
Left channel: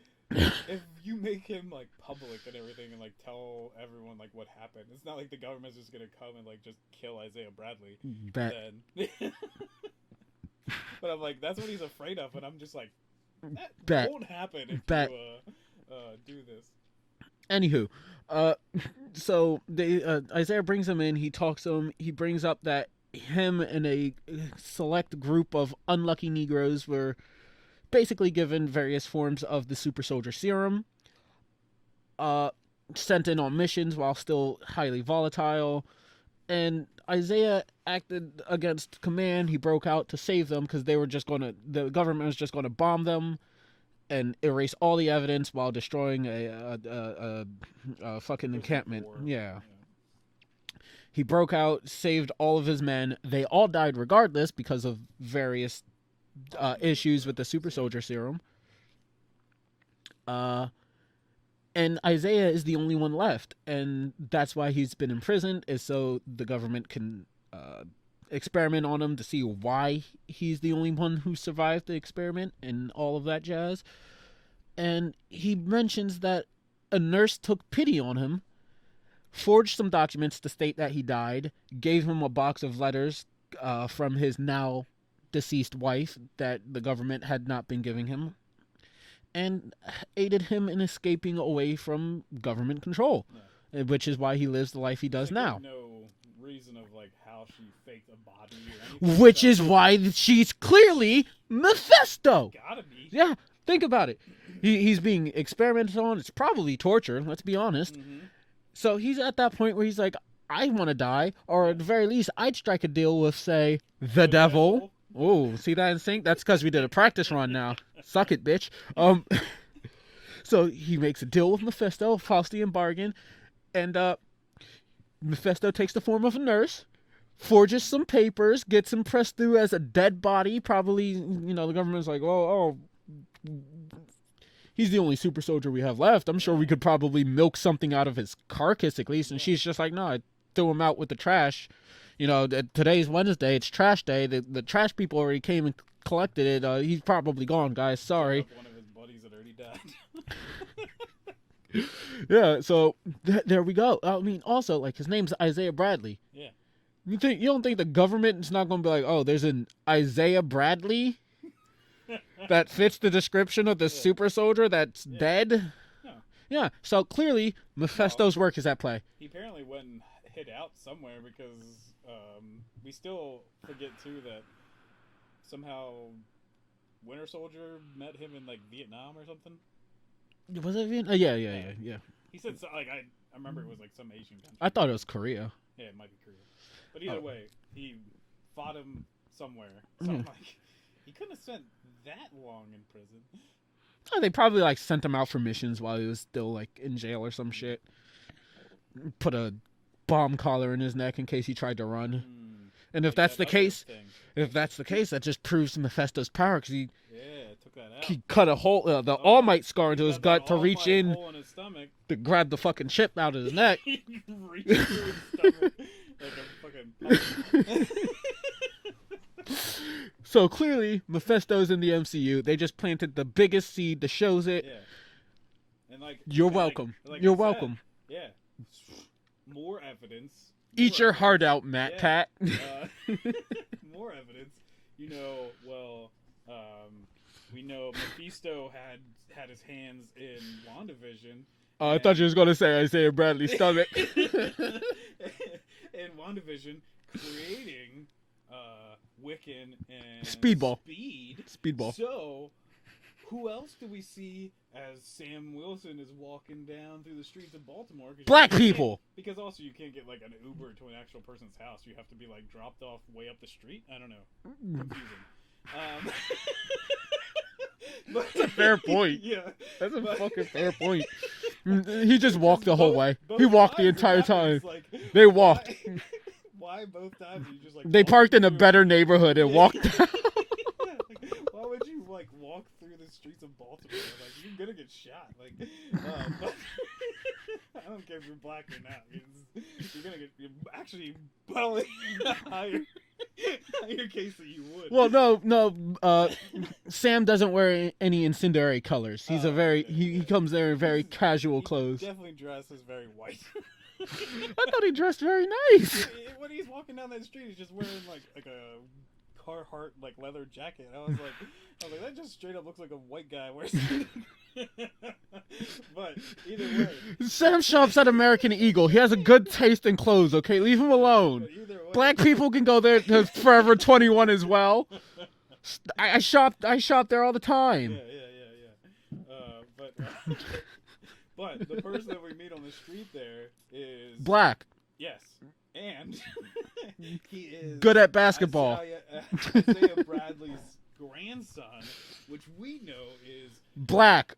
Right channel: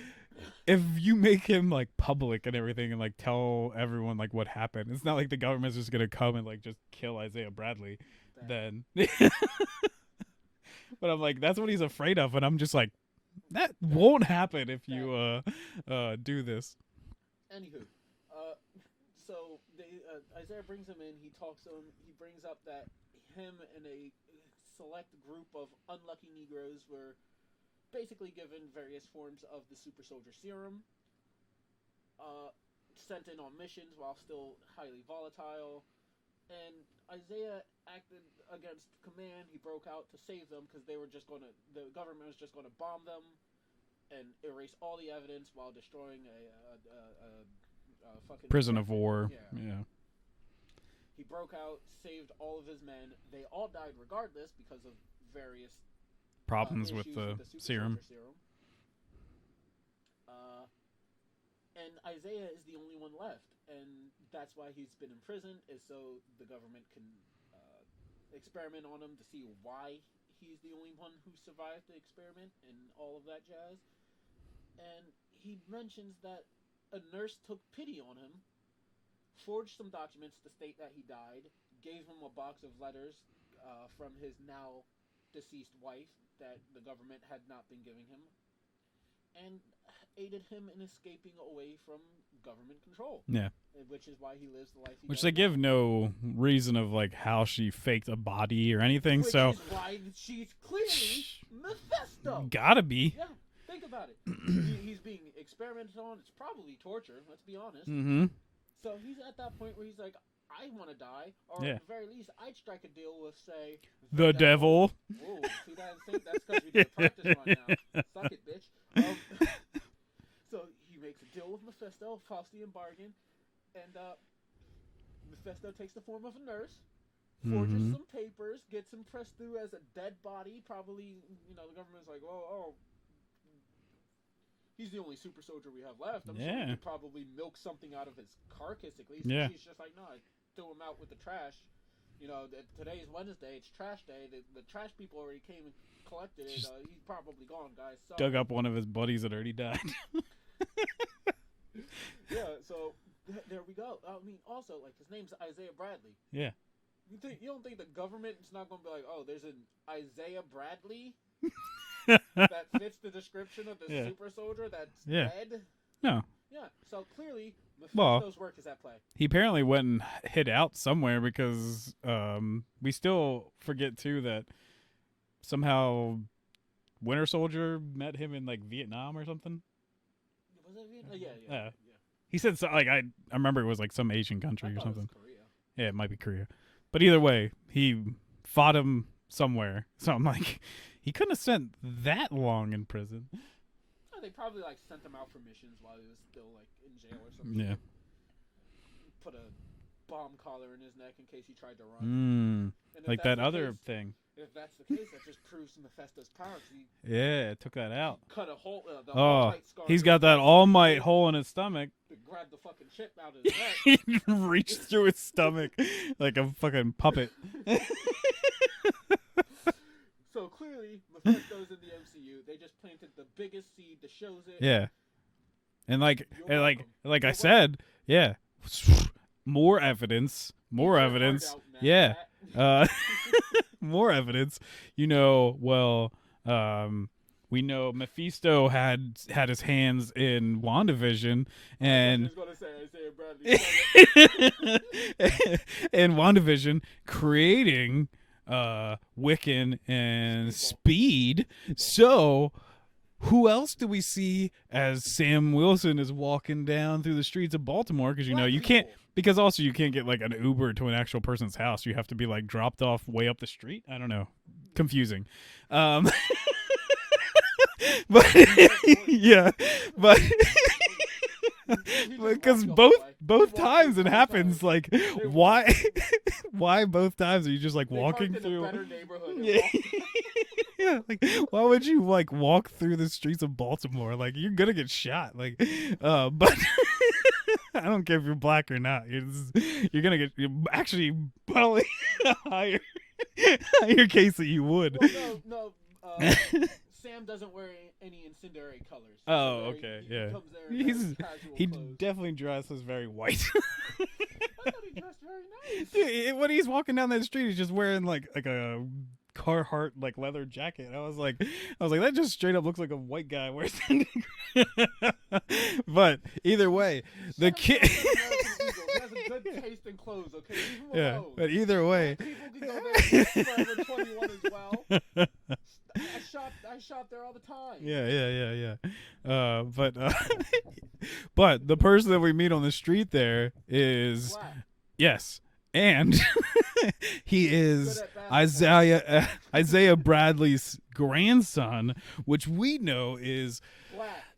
if you make him like public and everything and like tell everyone like what happened, it's not like the government's just gonna come and like just kill Isaiah Bradley. Then, but I'm like, that's what he's afraid of, and I'm just like, that won't happen if you do this. Anywho, so Isaiah brings him in. He talks to him. He brings up that him and a select group of unlucky Negroes were basically given various forms of the super soldier serum, sent in on missions while still highly volatile, and Isaiah acted against command. He broke out to save them because the government was just gonna bomb them and erase all the evidence while destroying a fucking Prison of encampment. war. Yeah. He broke out, saved all of his men. They all died regardless because of various issues with the super soldier serum. And Isaiah is the only one left, and that's why he's been imprisoned, is so the government can experiment on him to see why he's the only one who survived the experiment and all of that jazz. And he mentions that a nurse took pity on him, forged some documents to state that he died, gave him a box of letters from his now deceased wife that the government had not been giving him, and aided him in escaping away from government control. Yeah. Which is why he lives the life he does they now. give no reason of like how she faked a body or anything. Which is why she's clearly Mephisto. Gotta be. Yeah, think about it. He's being experimented on. It's probably torture, let's be honest. Mm-hmm. So he's at that point where he's like, I want to die, or at the very least, I'd strike a deal with, say, the devil. Oh, see that in sync? That's because we did a practice run now. Suck it, bitch. So he makes a deal with Mephisto, Faustian bargain, and Mephisto takes the form of a nurse, forges some papers, gets him pressed through as a dead body. Probably, the government's like, he's the only super soldier we have left. I'm sure we could probably milk something out of his carcass at least. And she's just like, no, I threw him out with the trash. Today's Wednesday. It's trash day. The trash people already came and collected it. He's probably gone, guys. Sorry. Dug up one of his buddies that already died. Yeah, so there we go. I mean, also, like, his name's Isaiah Bradley. Yeah. You don't think the government is not going to be like, oh, there's an Isaiah Bradley that fits the description of the super soldier that's dead? No. Yeah, so clearly Mephisto's work is at play. He apparently went and hid out somewhere because we still forget, too, that somehow Winter Soldier met him in, like, Vietnam or something. Was it Vietnam? Yeah. He said, I remember it was, like, some Asian country. I thought it was Korea. Yeah, it might be Korea. But either way, he fought him somewhere. So I'm like, he couldn't have spent that long in prison. Oh, they probably, like, sent him out for missions while he was still, like, in jail or some shit. Put a bomb collar in his neck in case he tried to run. And if like that's that the case, that just proves Mephisto's power, because he took that out. He cut a hole, the All Might scar. He's into got his that gut All to reach Might in hole in his stomach to grab the fucking chip out of his neck. He reached through his stomach like a fucking puppet. So clearly, Mephisto's in the MCU. They just planted the biggest seed that shows it. Yeah, and like you're welcome. Like you're I said, more evidence. Eat your heart out, Matt Cat. More evidence. We know Mephisto had his hands in WandaVision. I thought you was going to say Isaiah Bradley's stomach. And WandaVision creating Wiccan and Speedball. So who else do we see as Sam Wilson is walking down through the streets of Baltimore? Black people. Because also you can't get like an Uber to an actual person's house. You have to be like dropped off way up the street. I don't know. Confusing. But fair point. Yeah. That's a fair point. He just walked the whole way. Both walked times the entire it happens. time. Like, They why? Why both times are you just like they parked in a through? better neighborhood and walked down. Yeah, like, why would you like walk through the streets of Baltimore? Like, you're gonna get shot. Like, but I don't care if you're black or not. You're gonna get actually probably higher case that you would. Well, no. Sam doesn't wear any incendiary colors. He's he comes there in very casual clothes. He definitely dresses very white. I thought he dressed very nice. When he's walking down that street, he's just wearing like a Carhartt like leather jacket. I was like, that just straight up looks like a white guy wears. But either way, Sam shops at American Eagle. He has a good taste in clothes. Okay, leave him alone. But either way, Black people can go there to Forever 21 as well. I shop there all the time. Yeah. But the person that we meet on the street there is black. Yes, and he is good at basketball. Isaiah Bradley's grandson, which we know is black.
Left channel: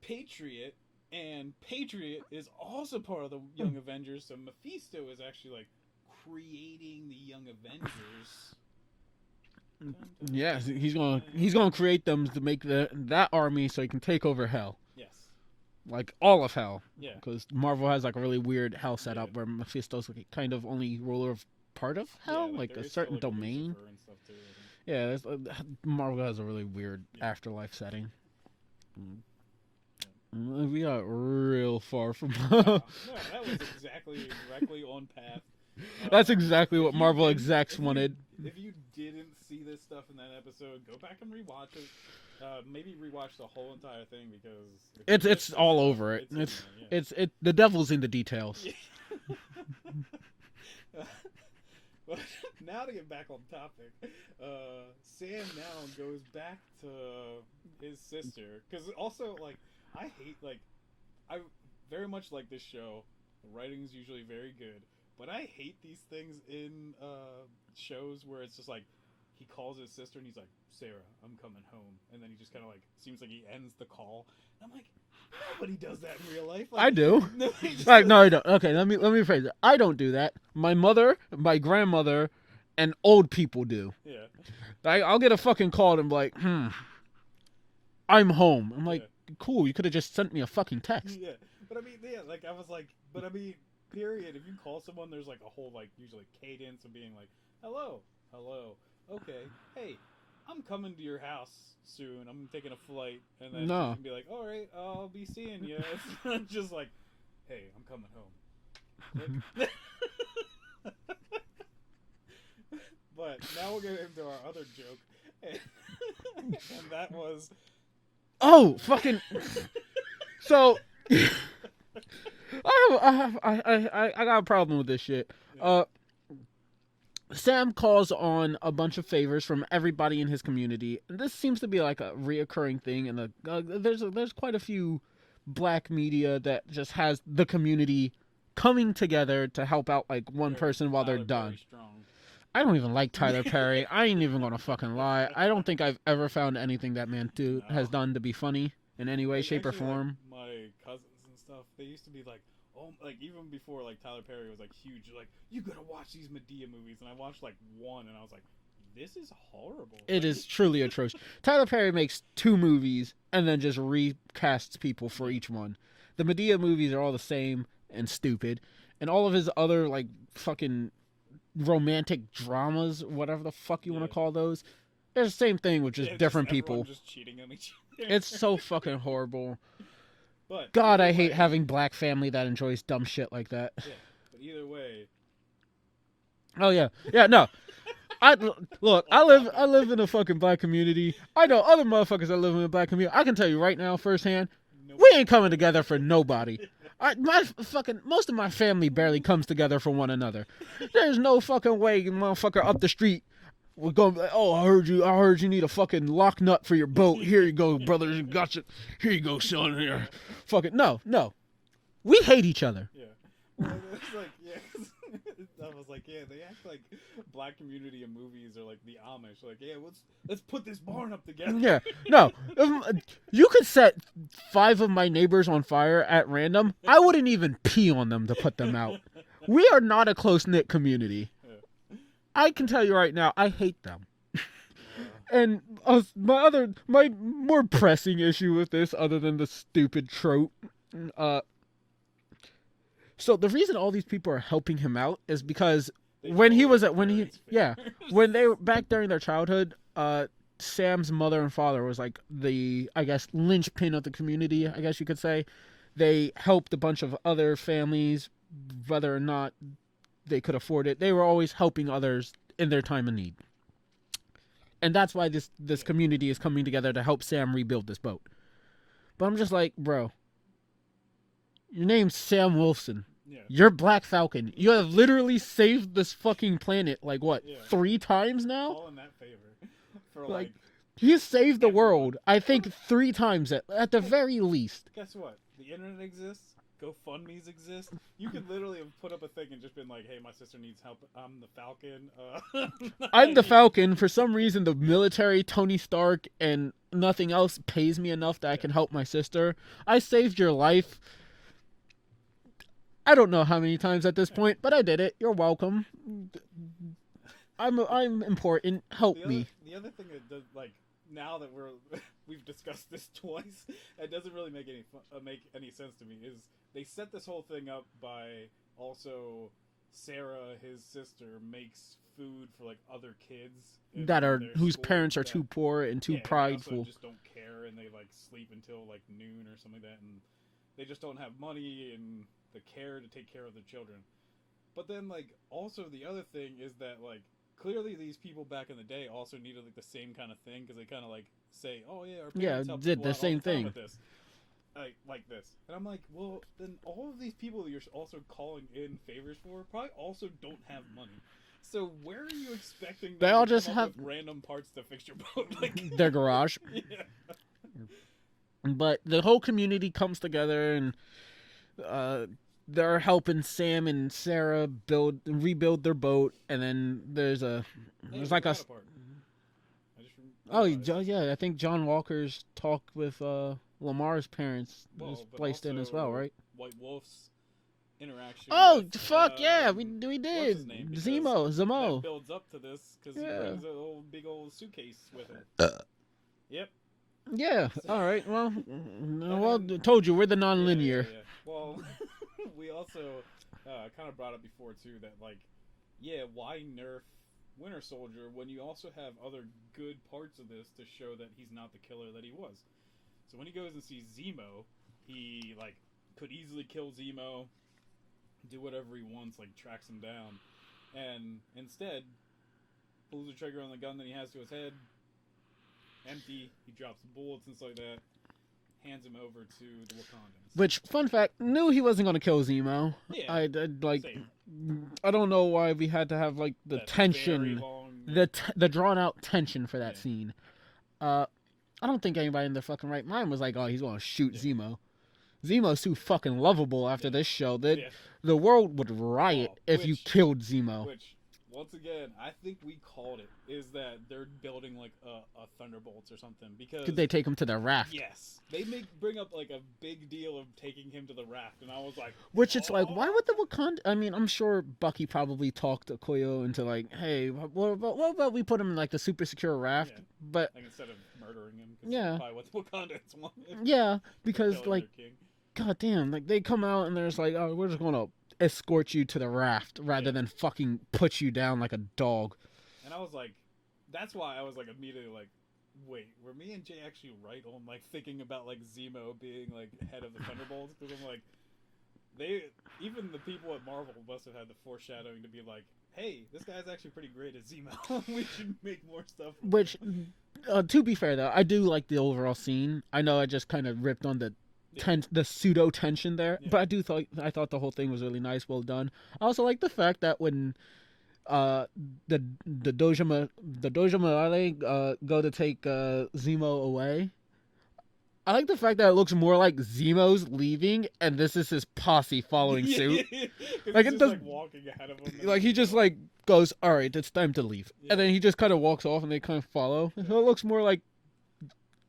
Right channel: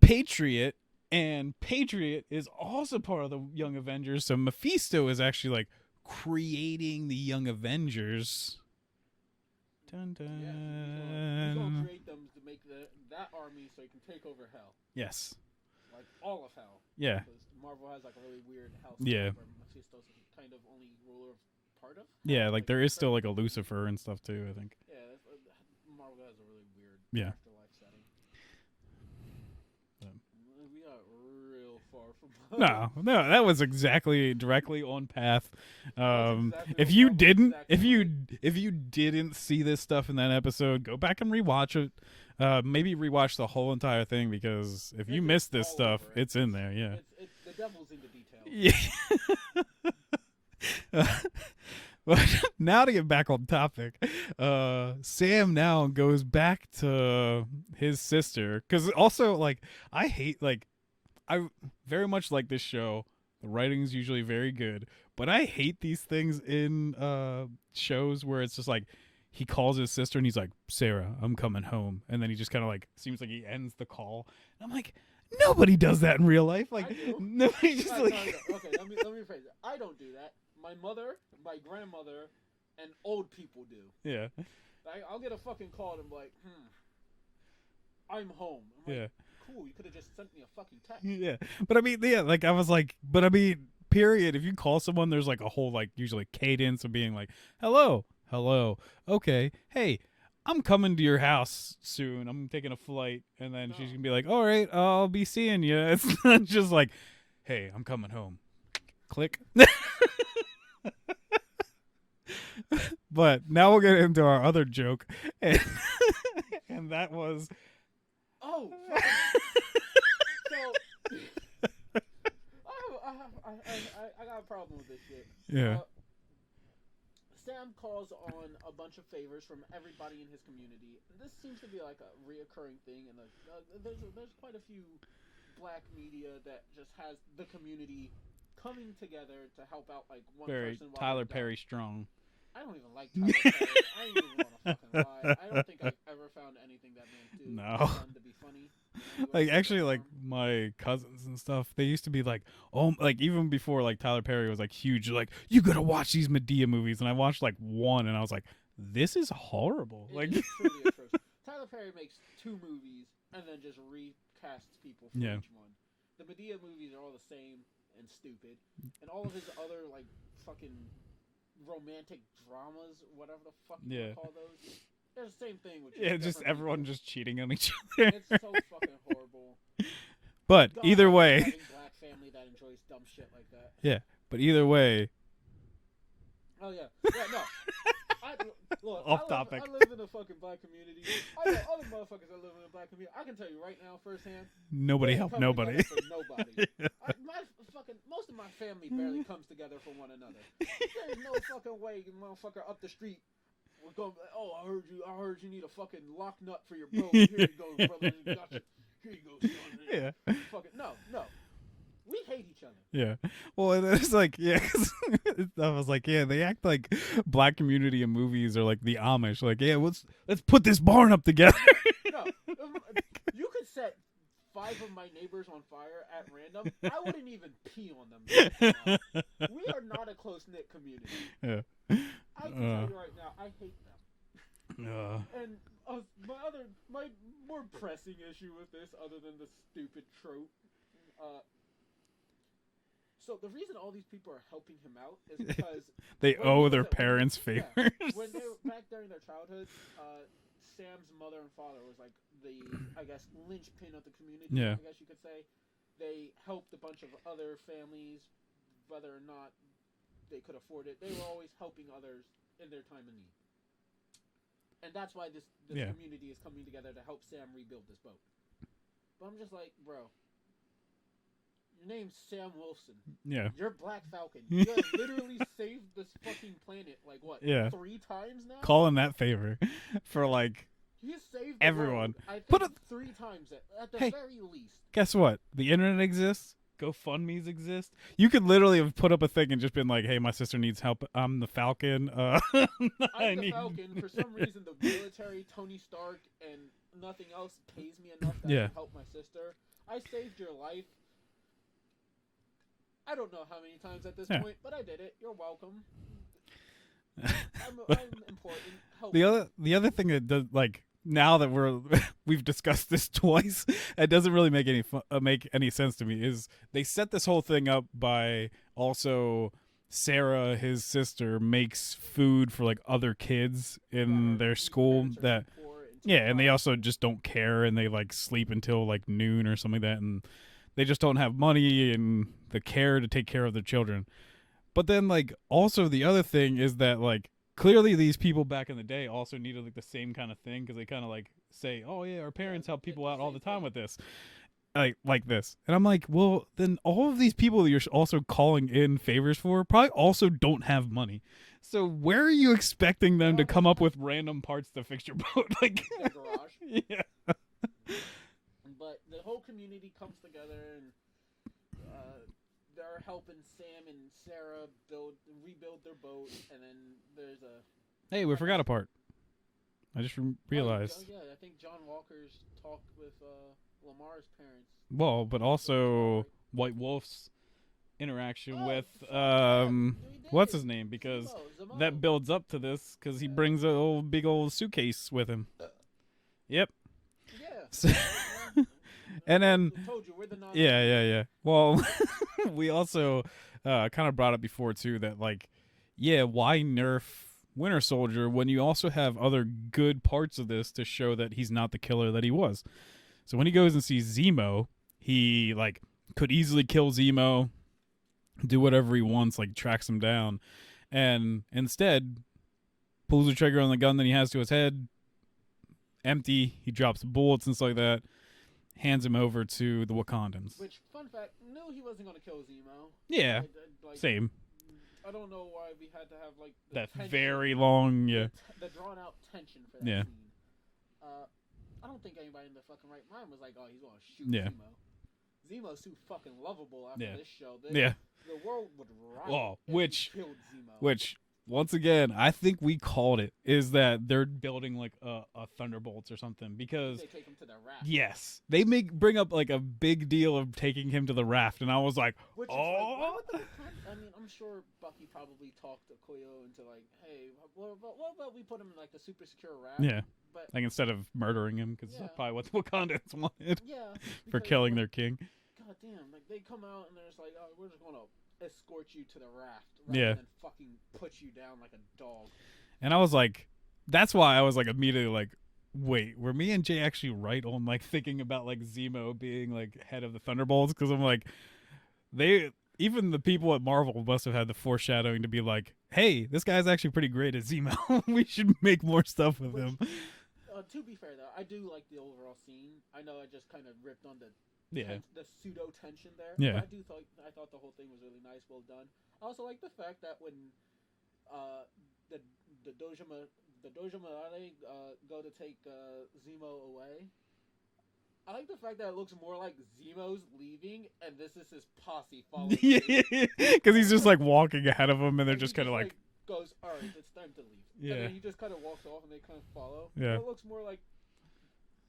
Patriot, and Patriot is also part of the Young Avengers. So Mephisto is actually like creating the Young Avengers. Dun, dun, yes, he's gonna create them to make that army so he can take over hell. Yes, like all of hell. Yeah, because Marvel has like a really weird hell setup where Mephisto's like kind of only ruler of part of hell. Yeah, like there is still like domain. a Lucifer and stuff too, I think. Yeah, Marvel has a really weird afterlife setting. We got real far from no, that was directly on path. That's exactly what Marvel execs wanted. If you didn't see this stuff in that episode, go back and rewatch it. Maybe rewatch the whole entire thing, because if you missed this all stuff, over it. It's in there. Yeah, the devil's in the details. Yeah. But now to get back on topic, Sam now goes back to his sister, because also like I very much like this show. The writing's usually very good, but I hate these things in shows where it's just like he calls his sister and he's like, "Sarah, I'm coming home," and then he just kind of like seems like he ends the call. And I'm like, nobody does that in real life. Like, I do. No, I don't. Okay, let me rephrase it. I don't do that. My mother, my grandmother, and old people do. Yeah. I'll get a fucking call and I'm like, I'm home. I'm like, cool. You could have just sent me a fucking text. Yeah, but I mean, like I was like, but I mean, period. If you call someone, there's like a whole like usually cadence of being like, hello, okay, hey, I'm coming to your house soon. I'm taking a flight. And then she's going to be like, all right, I'll be seeing you. It's not just like, hey, I'm coming home. Click. But now we'll get into our other joke. And that was... Oh, fucking... So... I got a problem with this shit. Yeah. Sam calls on a bunch of favors from everybody in his community. And this seems to be like a reoccurring thing, and there's quite a few black media that just has the community coming together to help out like one person while Tyler they're done. Perry strong. I don't even like Tyler Perry. I ain't even gonna fucking lie. I don't think I've ever found anything that man has done to be funny in any way, shape, actually, or form. like my cousins and stuff, they used to be like, oh, like even before like Tyler Perry was like huge, like, you gotta watch these Medea movies, and I watched like one, and I was like, this is horrible. It is truly atrocious. Tyler Perry makes 2 movies and then just recasts people for each one. The Medea movies are all the same and stupid, and all of his other like fucking romantic dramas, whatever the fuck you want to call those, they're the same thing with just different people just cheating on each other. It's so fucking horrible. But God, either I way, hate having black family that enjoys dumb shit like that. Yeah, but either way. Oh yeah, no. I live in a fucking black community. I know other motherfuckers that live in a black community. I can tell you right now, firsthand, we ain't coming together for nobody. Most of my family barely comes together for one another. There's no fucking way, motherfucker, up the street we're going to be like, oh, I heard you need a fucking lock nut for your boat. Here you go, brother. Gotcha. Here you go, son. Here. Yeah. Fucking no. We hate each other. Yeah. Well, it's like, cause I was like, they act like black community in movies are like the Amish. Like, let's put this barn up together. Yeah. No, you could set 5 of my neighbors on fire at random. I wouldn't even pee on them to put them out. We are not a close-knit community. Yeah. I can tell you right now, I hate them. And my more pressing issue with this, other than the stupid trope, so the reason all these people are helping him out is because when they were back during their childhood, Sam's mother and father was like the, I guess, linchpin of the community. I guess you could say. They helped a bunch of other families, whether or not they could afford it. They were always helping others in their time of need. and that's why this community is coming together to help Sam rebuild this boat. But I'm just like, bro, your name's Sam Wilson. Yeah. You're Black Falcon. You have literally saved this fucking planet, like, what, 3 times now? Calling that favor for, like... He saved the everyone. world, I think, 3 times at the very least. Guess what? The internet exists. GoFundMe's exist. You could literally have put up a thing and just been like, hey, my sister needs help. I'm the Falcon. I'm the Falcon. For some reason, the military, Tony Stark, and nothing else pays me enough that I can help my sister. I saved your life. I don't know how many times at this point, but I did it. You're welcome. I'm important. Help me. The other thing that does, like, now that we've discussed this twice, it doesn't really make any sense to me. Is they set this whole thing up by also Sarah, his sister, makes food for like other kids in their whose school. Parents are too poor and too and they also just don't care, and they like sleep until like noon or something like that, and they just don't have money and the care to take care of their children. But then like also the other thing is that like clearly these people back in the day also needed like the same kind of thing, because they kind of like say, oh yeah, our parents help people out all the time with this, like this. And I'm like, well, then all of these people that you're also calling in favors for probably also don't have money. So where are you expecting them to come up with random parts to fix your boat? Like their garage. Yeah. But the whole community comes together, and they're helping Sam and Sarah rebuild their boat. And then there's a we forgot a part. I just realized. Oh yeah, I think John Walker's talk with Lamar's parents. Well, but also right? White Wolf's interaction. Oh with, fuck yeah, we did. What's his name? Because Zemo. That builds up to this because he brings a big old suitcase with him. Yep. Yeah. All right. Well, and then I told you we're the non-linear. Yeah. Well, we also kind of brought up before too that like, why nerf Winter Soldier when you also have other good parts of this to show that he's not the killer that he was. So when he goes and sees Zemo, he like could easily kill Zemo, do whatever he wants, like tracks him down, and instead pulls the trigger on the gun that he has to his head. Empty. He drops bullets and stuff like that. Hands him over to the Wakandans. Which, fun fact, knew he wasn't going to kill Zemo. Yeah, like same. I don't know why we had to have like the That's tension, very long, the drawn out tension for that scene. I don't think anybody in their fucking right mind was like, oh, he's going to shoot Zemo. Zemo's too fucking lovable after this show. The world would riot if you killed Zemo. Which, once again, I think we called it, is that they're building like a Thunderbolts or something, because did they take him to the raft? Yes, they bring up like a big deal of taking him to the raft, and I was like, which it's like, why would the Wakanda? I mean, I'm sure Bucky probably talked to Koyo into like, hey, what about we put him in like the super secure raft? Yeah, but like instead of murdering him, because that's probably what the Wakandans wanted. Yeah, because for killing like, their king. God damn, like they come out and there's like, oh, we're just gonna escort you to the raft rather than fucking put you down like a dog. And I was like, that's why I was like immediately like, wait, were me and Jay actually right on like thinking about like Zemo being like head of the Thunderbolts? Because I'm like, even the people at Marvel must have had the foreshadowing to be like, hey, this guy's actually pretty great at Zemo. We should make more stuff with him. To be fair though, I do like the overall scene. I know I just kind of ripped on the pseudo tension there, but I thought the whole thing was really nice, well done. I also like the fact that when the Doja Morale go to take Zemo away, I like the fact that it looks more like Zemo's leaving and this is his posse following suit, because he's just like walking ahead of him, and like he just like goes, all right, it's time to leave, and then he just kind of walks off and they kind of follow. So it looks more like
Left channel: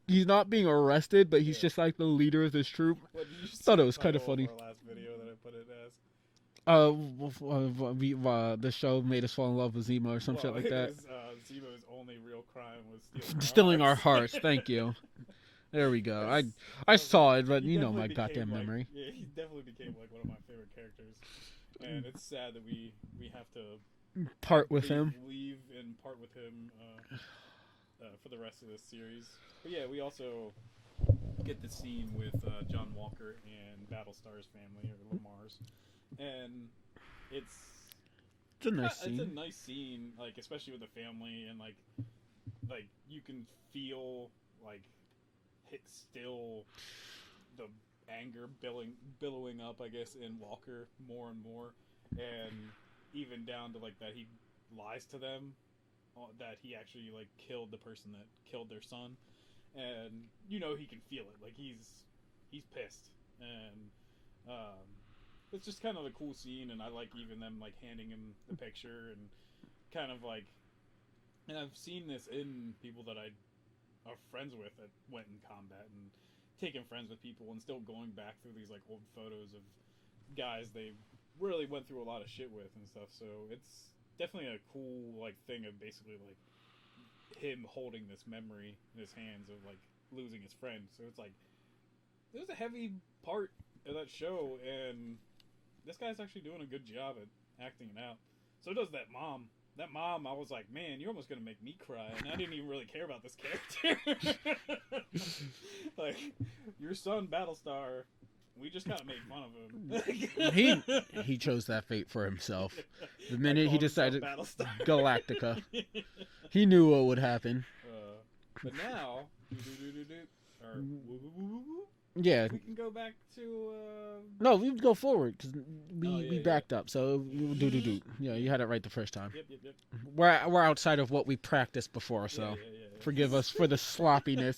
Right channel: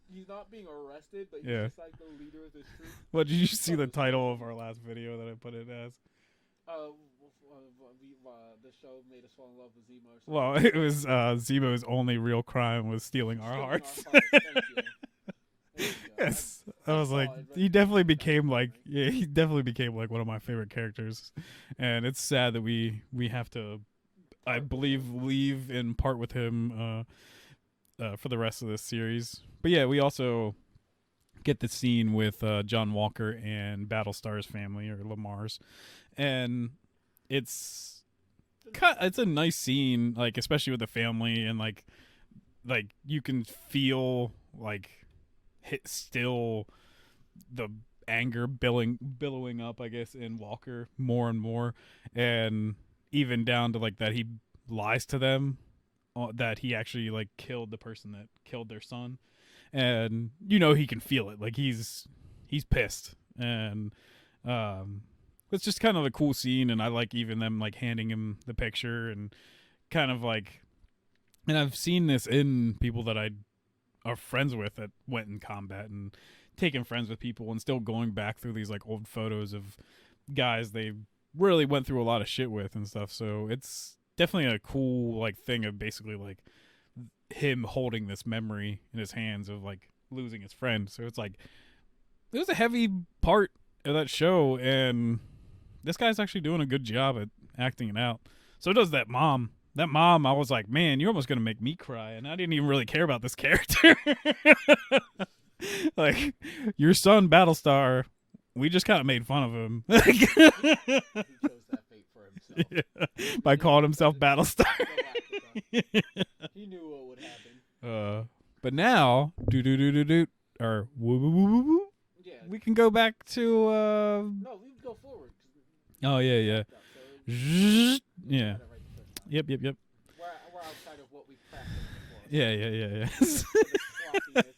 he's not being arrested, but he's just like the leader of this troop. What did you see the title of our last video that I put it as? The show made us fall in love with Zemo or something. Well, like it was Zemo's only real crime was stealing our hearts. Thank you. There we go. I saw like, it, but he definitely became like he definitely became like one of my favorite characters, and it's sad that we have to leave and part with him for the rest of this series. But yeah, we also get the scene with John Walker and Battlestar's family, or Lamar's, and it's a nice scene, like especially with the family, and like like you can feel like still the anger billowing up, I guess, in Walker more and more, and even down to like that he lies to them, that he actually like killed the person that killed their son, and he can feel it, like he's pissed, and it's just kind of a cool scene, and I like even them like handing him the picture and kind of like, and I've seen this in people that I are friends with that went in combat and taking friends with people and still going back through these like old photos of guys they really went through a lot of shit with and stuff. So it's definitely a cool like thing of basically like him holding this memory in his hands of like losing his friend. So it's like it was a heavy part of that show, and this guy's actually doing a good job at acting it out. So does that mom. That mom, I was like, man, you're almost going to make me cry. And I didn't even really care about this character. Like, your son, Battlestar, we just kind of made fun of him. he chose that fate for himself. Yeah. By calling himself Battlestar. Galactica. He knew what would happen. But now, or woo. Yeah, we can go back to no, we would go forward because we backed up. So we had it right the first time. Yep. We're outside of what we practiced before. So yeah. Forgive us for the sloppiness.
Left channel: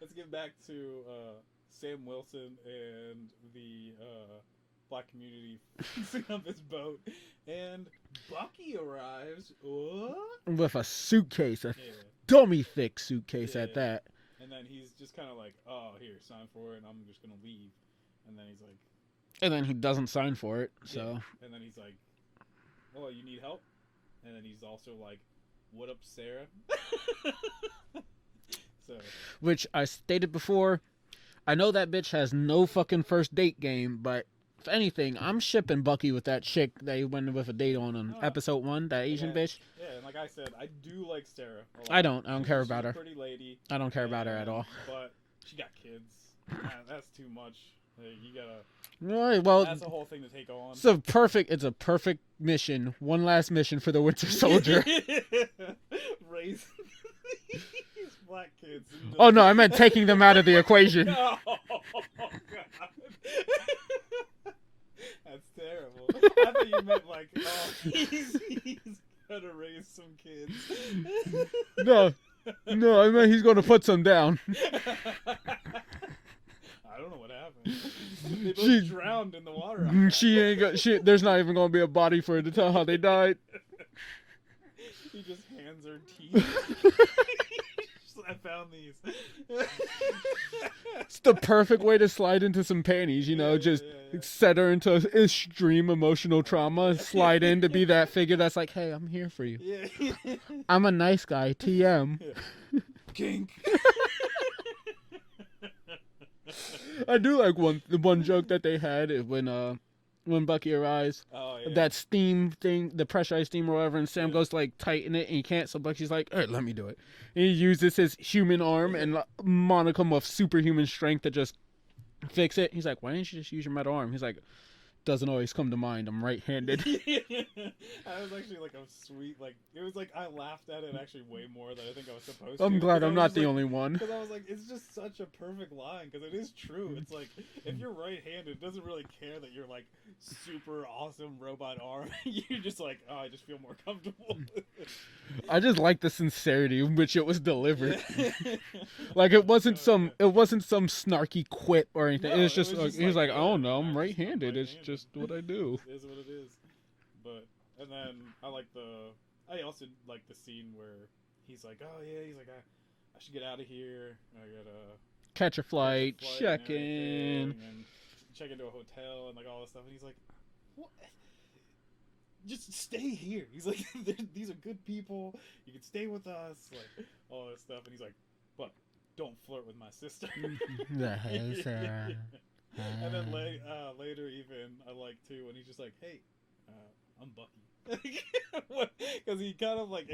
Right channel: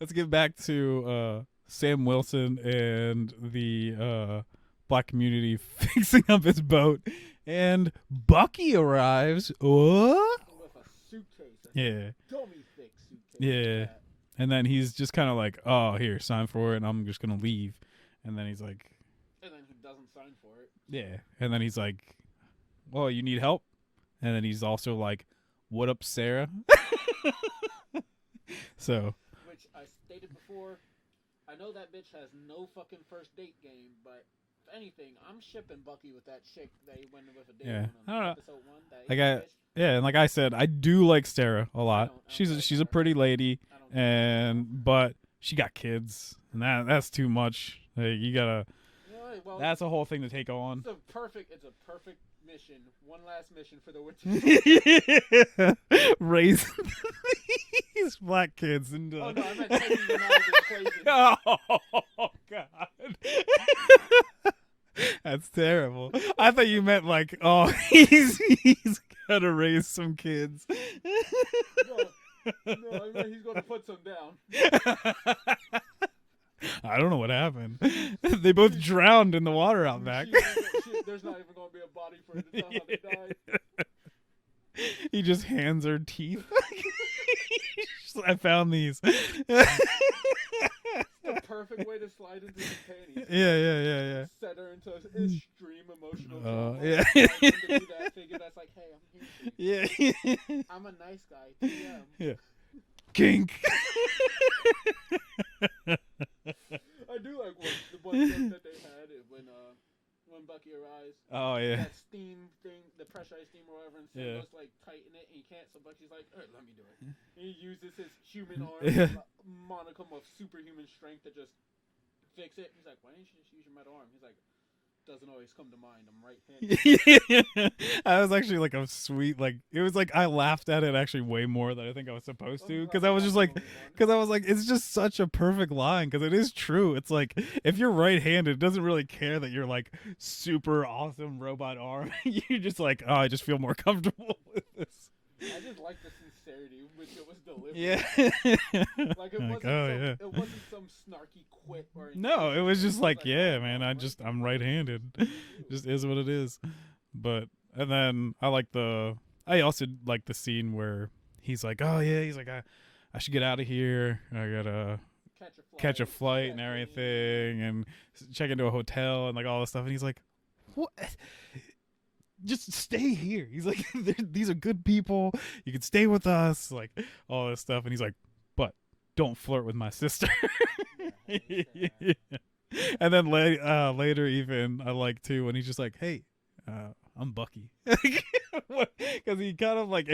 Let's get back to Sam Wilson and the black community fixing up his boat, and Bucky arrives with a suitcase, dummy thick suitcase at that. And then he's just kind of like, oh, here, sign for it, and I'm just going to leave. And then he's like... And then he doesn't sign for it, so... Yeah. And then he's like, well, you need help? And then he's also like, what up, Sarah? So... Which I stated before, I know that bitch has no fucking first date game, but if anything, I'm shipping Bucky with that chick that he went with a date on episode 1, that Asian bitch. Yeah, and like I said, I do like Sarah a lot. I don't care about her. She's a pretty lady. I don't care about her at all. But she got kids, and that's too much. Like, you gotta... Well, that's a whole thing to take on. It's a perfect mission. One last mission for the Winter Soldier. Raise these black kids. Oh no, I meant taking them out of the equation. Oh God. That's terrible. I thought you meant like, oh, he's gonna raise some kids. No, I meant he's gonna put some down. I don't know what happened. They both drowned in the water out back. There's not even gonna be a body for her to tell how they died. He just hands her teeth. I found these. It's the perfect way to slide into some panties, set her into extreme emotional trauma and slide in to be that figure that's like, hey, I'm here for you. Yeah. I'm a nice guy, TM. Yeah. Kink. I do like the one joke that they had when Bucky arrives. Oh yeah. That steam thing, the pressurized steam or whatever, and Sam goes to like tighten it and he can't, so Bucky's like, all right, let me do it. And he uses his human arm and monicum of superhuman strength to just fix it. He's like, why didn't you just use your metal arm? He's like, doesn't always come to mind. I'm right-handed. I was actually like a sweet, like, it was like I laughed at it actually way more than I think I was supposed to. I'm glad I'm not the only one. Because I was like, it's just such a perfect line, because it is true. It's like, if you're right-handed, it doesn't really care that you're like super awesome robot arm. You're just like, oh, I just feel more comfortable. I just like the sincerity in which it was delivered. Yeah. Like it wasn't it wasn't some snarky quip or anything. No, it was just like, oh man, no, I'm right-handed. I'm right-handed. It's just what I do. It just is what it is. But and then I also like the scene where he's like, oh yeah, he's like, I should get out of here. I gotta catch a flight and everything, and check into a hotel and like all this stuff. And he's like, what? Just stay here. He's like, these are good people. You can stay with us, like all this stuff. And he's like, but don't flirt with my sister. And then later, even I like too when he's just like, hey, I'm Bucky, because he kind of like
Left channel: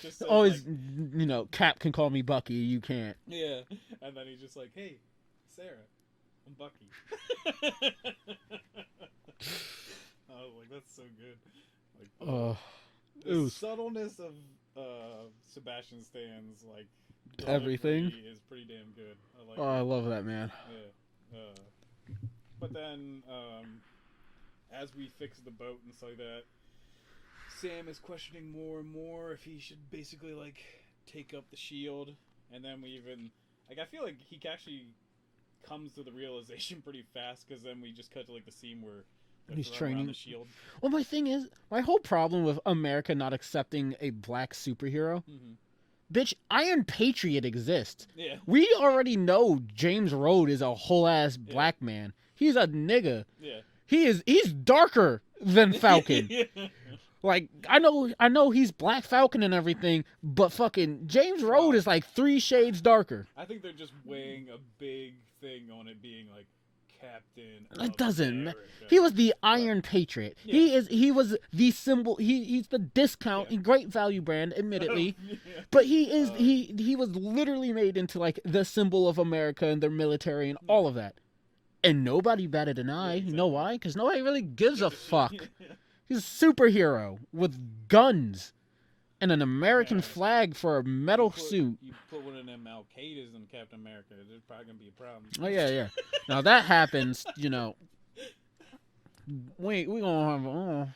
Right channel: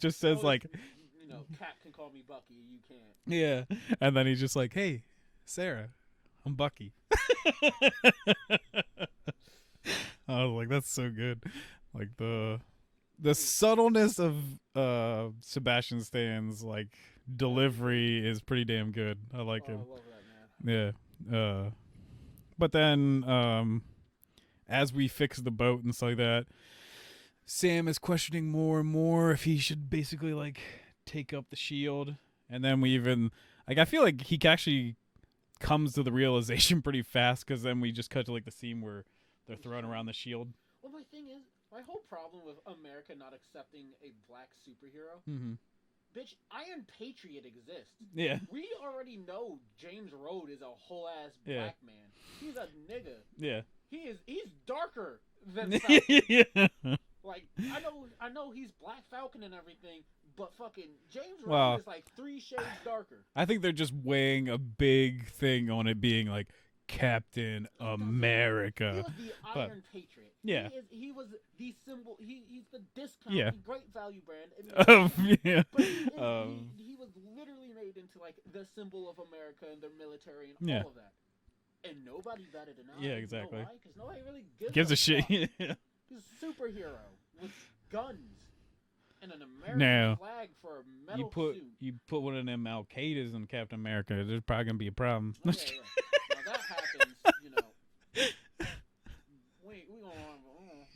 just says like, Cap can call me Bucky, you can't. Yeah. And then he's just like, hey, Sarah, I'm Bucky. I was like, that's so good. Like the subtleness of Sebastian Stan's like delivery is pretty damn good. I like it. I love that, man. Yeah. But then as we fix the boat and stuff like that, Sam is questioning more and more if he should basically like take up the shield. And then we even like I feel like he actually comes to the realization pretty fast, because then we just cut to like the scene where they're throwing around the shield. Well, my thing is, my whole problem with America not accepting a black superhero, bitch, Iron Patriot exists. Yeah. We already know James Rhodes is a whole ass black man. He's a nigga. Yeah. He's darker than Falcon. Yeah. Like, I know he's Black Falcon and everything, but fucking James Rhodes is like 3 shades darker. I think they're just weighing a big thing on it being like Captain America. He was the Iron Patriot. Yeah. He was the symbol. He's the discount and great value brand, admittedly. But he was literally made into like the symbol of America and their military and all of that. And nobody batted an eye. Yeah, exactly. You know why? Because nobody really gives a fuck. He's a superhero with guns and an American flag for a metal suit. You put one of them Al-Qaedas in Captain America, there's probably going to be a problem. Oh, yeah. Now, that happens, you know. We going to have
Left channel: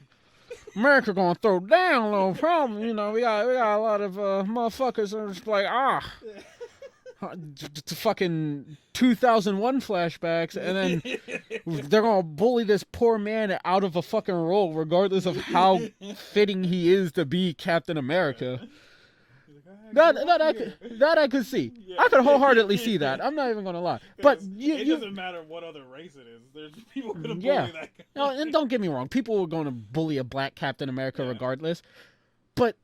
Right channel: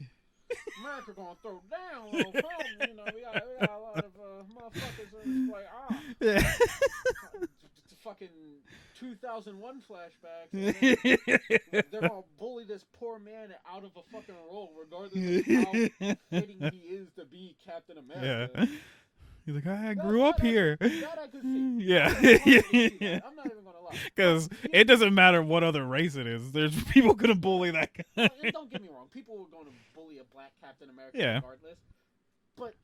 America going to throw down a little problem. You know, we got a lot of motherfuckers that are just like, fucking 2001 flashbacks, and then they're gonna bully this poor man out of a fucking role, regardless of how fitting he is to be Captain America. Yeah. He's like, I grew up here. That I could see. Yeah. I could wholeheartedly see that. I'm not even gonna lie. Because it doesn't matter what other race it is. There's people gonna bully that guy. No, and don't get me wrong. People are gonna bully a black Captain America regardless. But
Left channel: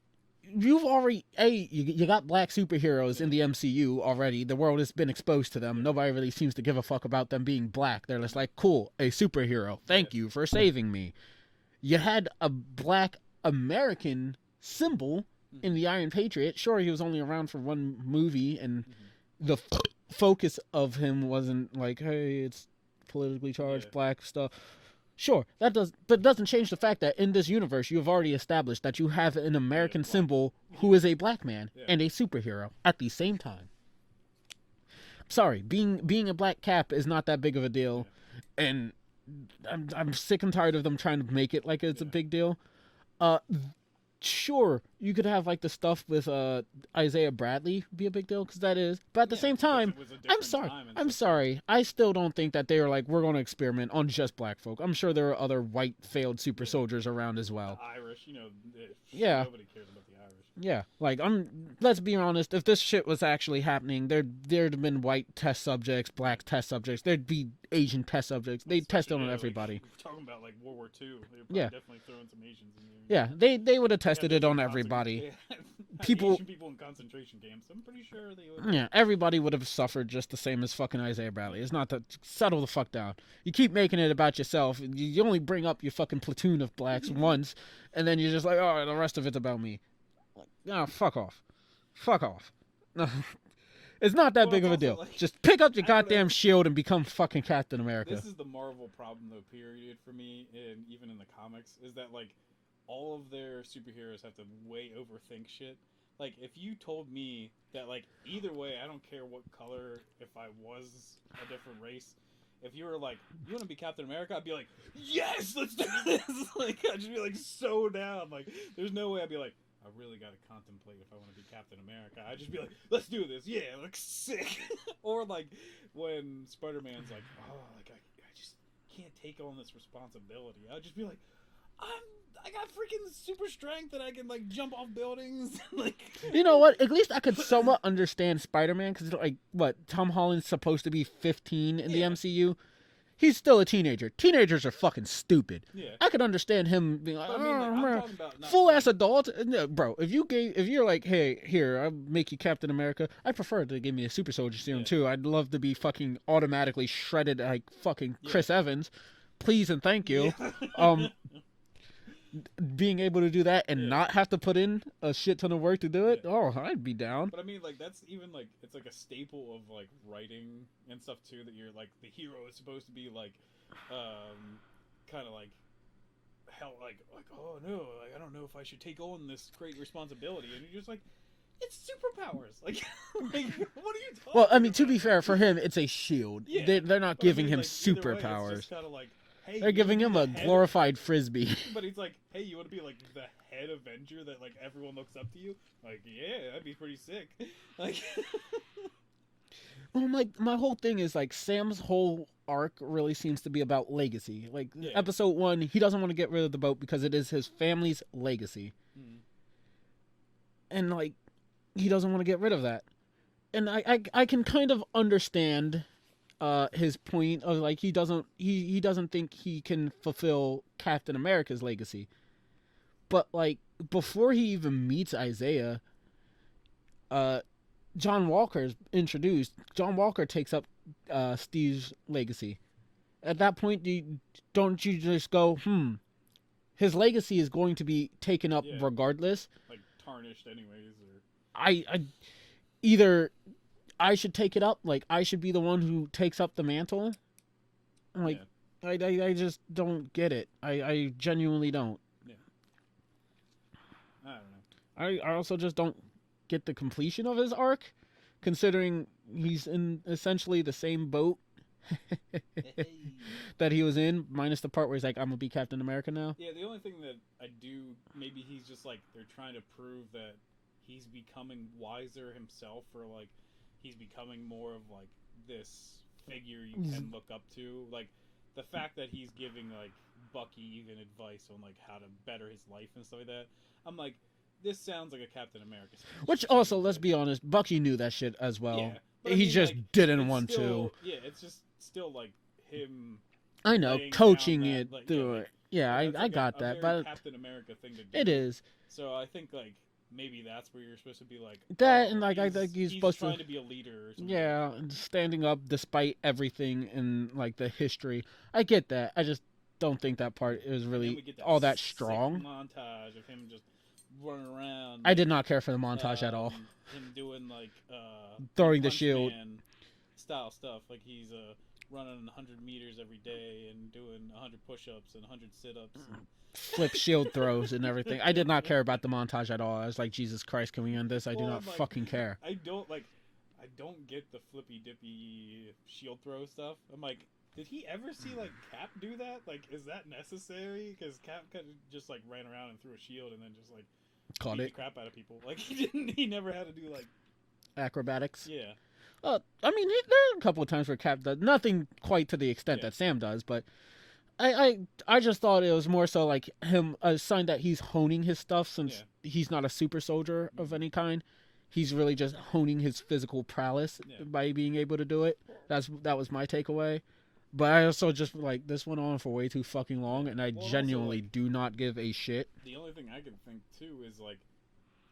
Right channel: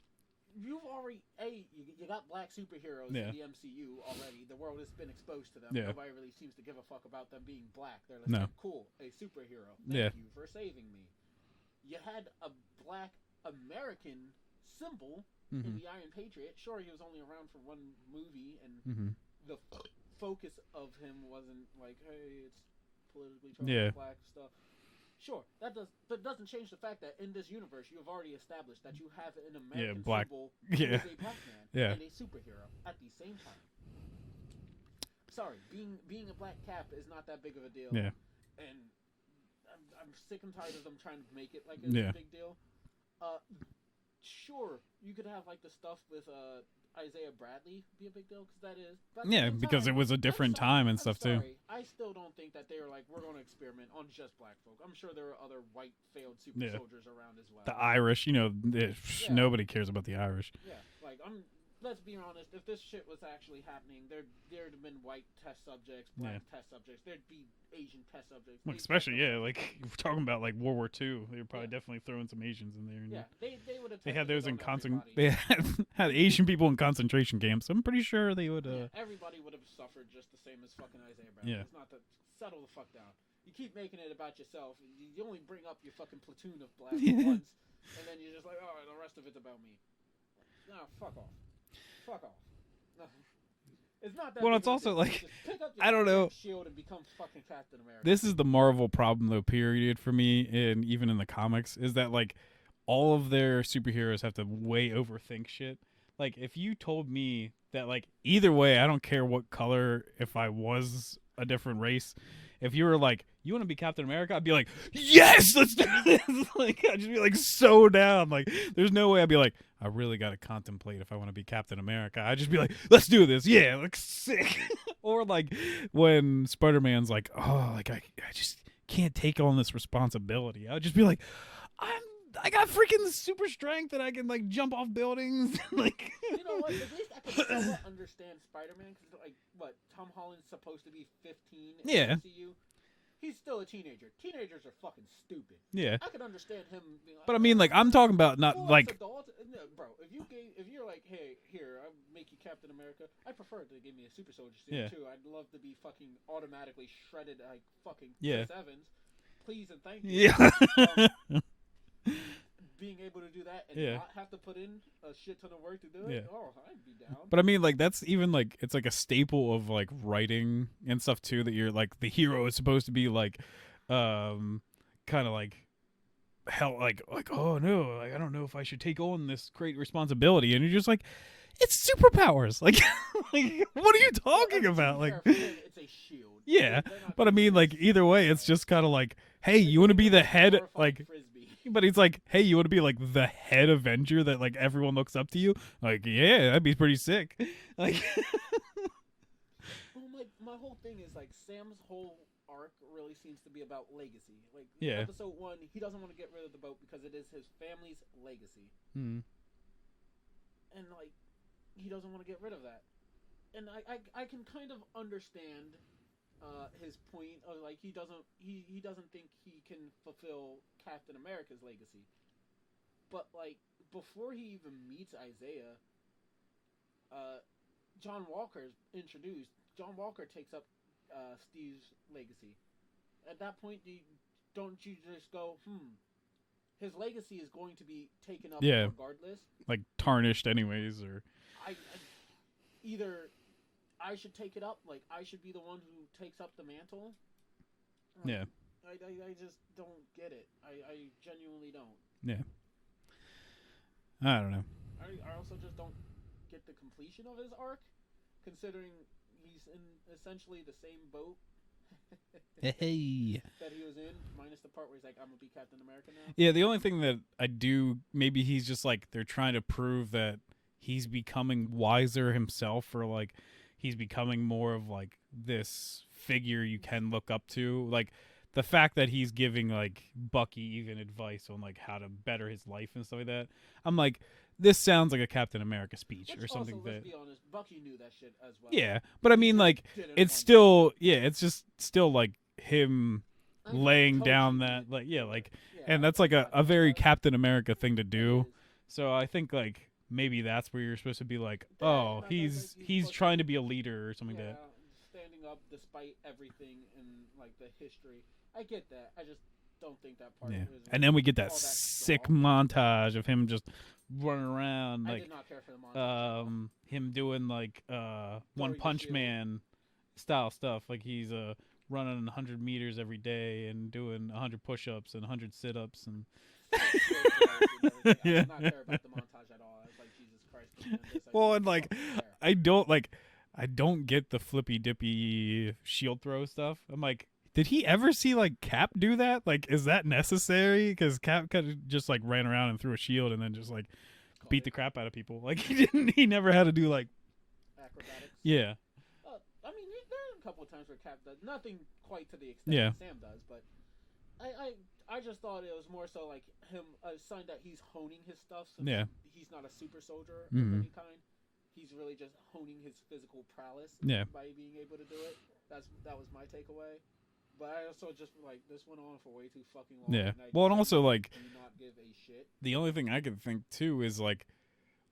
you've already you got black superheroes in the MCU already. The world has been exposed to them. Yeah. Nobody really seems to give a fuck about them being black. They're just like, cool, a superhero. Thank you for saving me. You had a black American symbol in the Iron Patriot. Sure, he was only around for one movie, and the focus of him wasn't like, hey, it's politically charged black stuff. Sure, but it doesn't change the fact that in this universe, you have already established that you have an American symbol who is a black man and a superhero at the same time. Sorry, being a black Cap is not that big of a deal, and I'm sick and tired of them trying to make it like it's a big deal. Sure, you could have like the stuff with Isaiah Bradley be a big deal, because that is, but at the same time, because it was a different time and stuff. I'm sorry, I still don't think that they were like, we're going to experiment on just black folk. I'm sure there are other white failed super soldiers around as well. The Irish, nobody cares about the Irish. Yeah, like let's be honest, if this shit was actually happening, there'd have been white test subjects, black test subjects, there'd be Asian test subjects. They'd test over everybody. Like, we're talking about like World War II. They're probably definitely throwing some Asians in there. Yeah, they would have tested it on everybody. They had Asian people in concentration camps. I'm pretty sure they would. Yeah, everybody would have suffered just the same as fucking Isaiah Bradley. Yeah. It's not that. Settle the fuck down. You keep making it about yourself. You only bring up your fucking platoon of blacks once, and then you're just like, oh, the rest of it's about me. Like, fuck off. Fuck off. It's not that big of a deal. Like, just pick up your goddamn shield and become fucking Captain America. This is the Marvel problem, though, period, for me, and even in the comics, is that, like, all of their superheroes have to way overthink shit. Like, if you told me that, like, either way, I don't care what color, if I was a different race, if you were like, you want to be Captain America? I'd be like, yes, let's do this. Like, I'd just be, like, so down. Like, there's no way I'd be like, I really got to contemplate if I want to be Captain America. I'd just be like, let's do this. Yeah, looks sick. Or, like, when Spider-Man's like, oh, like, I just can't take on this responsibility. I'd just be like, I got freaking super strength and I can, like, jump off buildings. Like, you know what? At least I could somewhat understand Spider-Man, because, like, what, Tom Holland's supposed to be 15 in the MCU? He's still a teenager. Teenagers are fucking stupid. Yeah, I could understand him being like, but I mean, like, I'm talking about not full like, ass adult. No, bro, if you're like, hey, here, I'll make you Captain America. I prefer to give me a super soldier serum too. I'd love to be fucking automatically shredded like fucking Chris Evans. Please and thank you. Yeah. Being able to do that and not have to put in a shit ton of work to do it, I'd be down. But I mean, like, that's even like, it's like a staple of like writing and stuff too, that you're like, the hero is supposed to be like kind of like hell, like oh no, like, I don't know if I should take on this great responsibility, and you're just like, it's superpowers. Like, like what are you talking Well, I mean, about? to be Like, fair, for him, it's a shield. Yeah, they're not. but I giving mean, him like either way, it's superpowers. just kind of like, hey, They're you want to giving be him the a head, glorified like, frisbee. but he's like, hey, you want to be like the head Avenger that like everyone looks up to you? Like, yeah, that'd be pretty sick. Like, Well, my whole thing is like Sam's whole arc really seems to be about legacy. Like Yeah. episode 1, he doesn't want to get rid of the boat because it is his family's legacy, and like he doesn't want to get rid of that. And I can kind of understand his point of like he doesn't think he can fulfill Captain America's legacy. But like before he even meets Isaiah, John Walker's introduced. John Walker takes up Steve's legacy. At that point, don't you just go, his legacy is going to be taken up regardless. like tarnished anyways, or Either I should take it up, like I should be the one who takes up the mantle. Like, yeah. I just don't get it. I genuinely don't. Yeah. I don't know. I also just don't get the completion of his arc, considering he's in essentially the same boat that he was in, minus the part where he's like, I'm gonna be Captain America now. Yeah, the only thing that I do, maybe he's just like, they're trying to prove that he's becoming wiser himself, or like he's becoming more of like this figure you can look up to. Like the fact that he's giving like Bucky even advice on like how to better his life and stuff like that. I'm like, this sounds like a Captain America speech. Which also, let's be honest, Bucky knew that shit as well. Yeah, but I He mean, just like, didn't it's want still, to. yeah, it's just still like him I know, laying coaching down that, it, like, do yeah, it. like, Yeah, and that's I like got a that, very but Captain America thing to do. It is. So I think like maybe that's where you're supposed to be like, That, oh, and, like, I he's, think he's he's supposed trying to- to be a leader or something. Yeah, standing up despite everything in like the history. I get that. I just don't think that part is really And then we get that all that sick strong. montage of him just running around. I did not care for the montage at all. Him doing like Throwing the Punch shield. Man style stuff. Like he's running 100 meters every day and doing 100 push-ups and 100 sit-ups and Flick shield throws and everything. I did not care about the montage at all. I was like, Jesus Christ, can we end this? I do not like, fucking care. I don't get the flippy dippy shield throw stuff. I'm like, did he ever see like Cap do that? Like, is that necessary? Because Cap kind of just like ran around and threw a shield and then just like Caught beat it. the crap out of people. Like he never had to do like Acrobatics. yeah. I mean, there are a couple of times where Cap does nothing quite to the extent Yeah. that Sam does, but I just thought it was more so like him a sign that he's honing his stuff since Yeah. he's not a super soldier of Mhm. any kind. He's really just honing his physical prowess Yeah. by being able to do it. That was my takeaway. But I also just like this went on for way too fucking long, Yeah. and I Well, and also, genuinely like, do not give a shit. The only thing I could think too is like,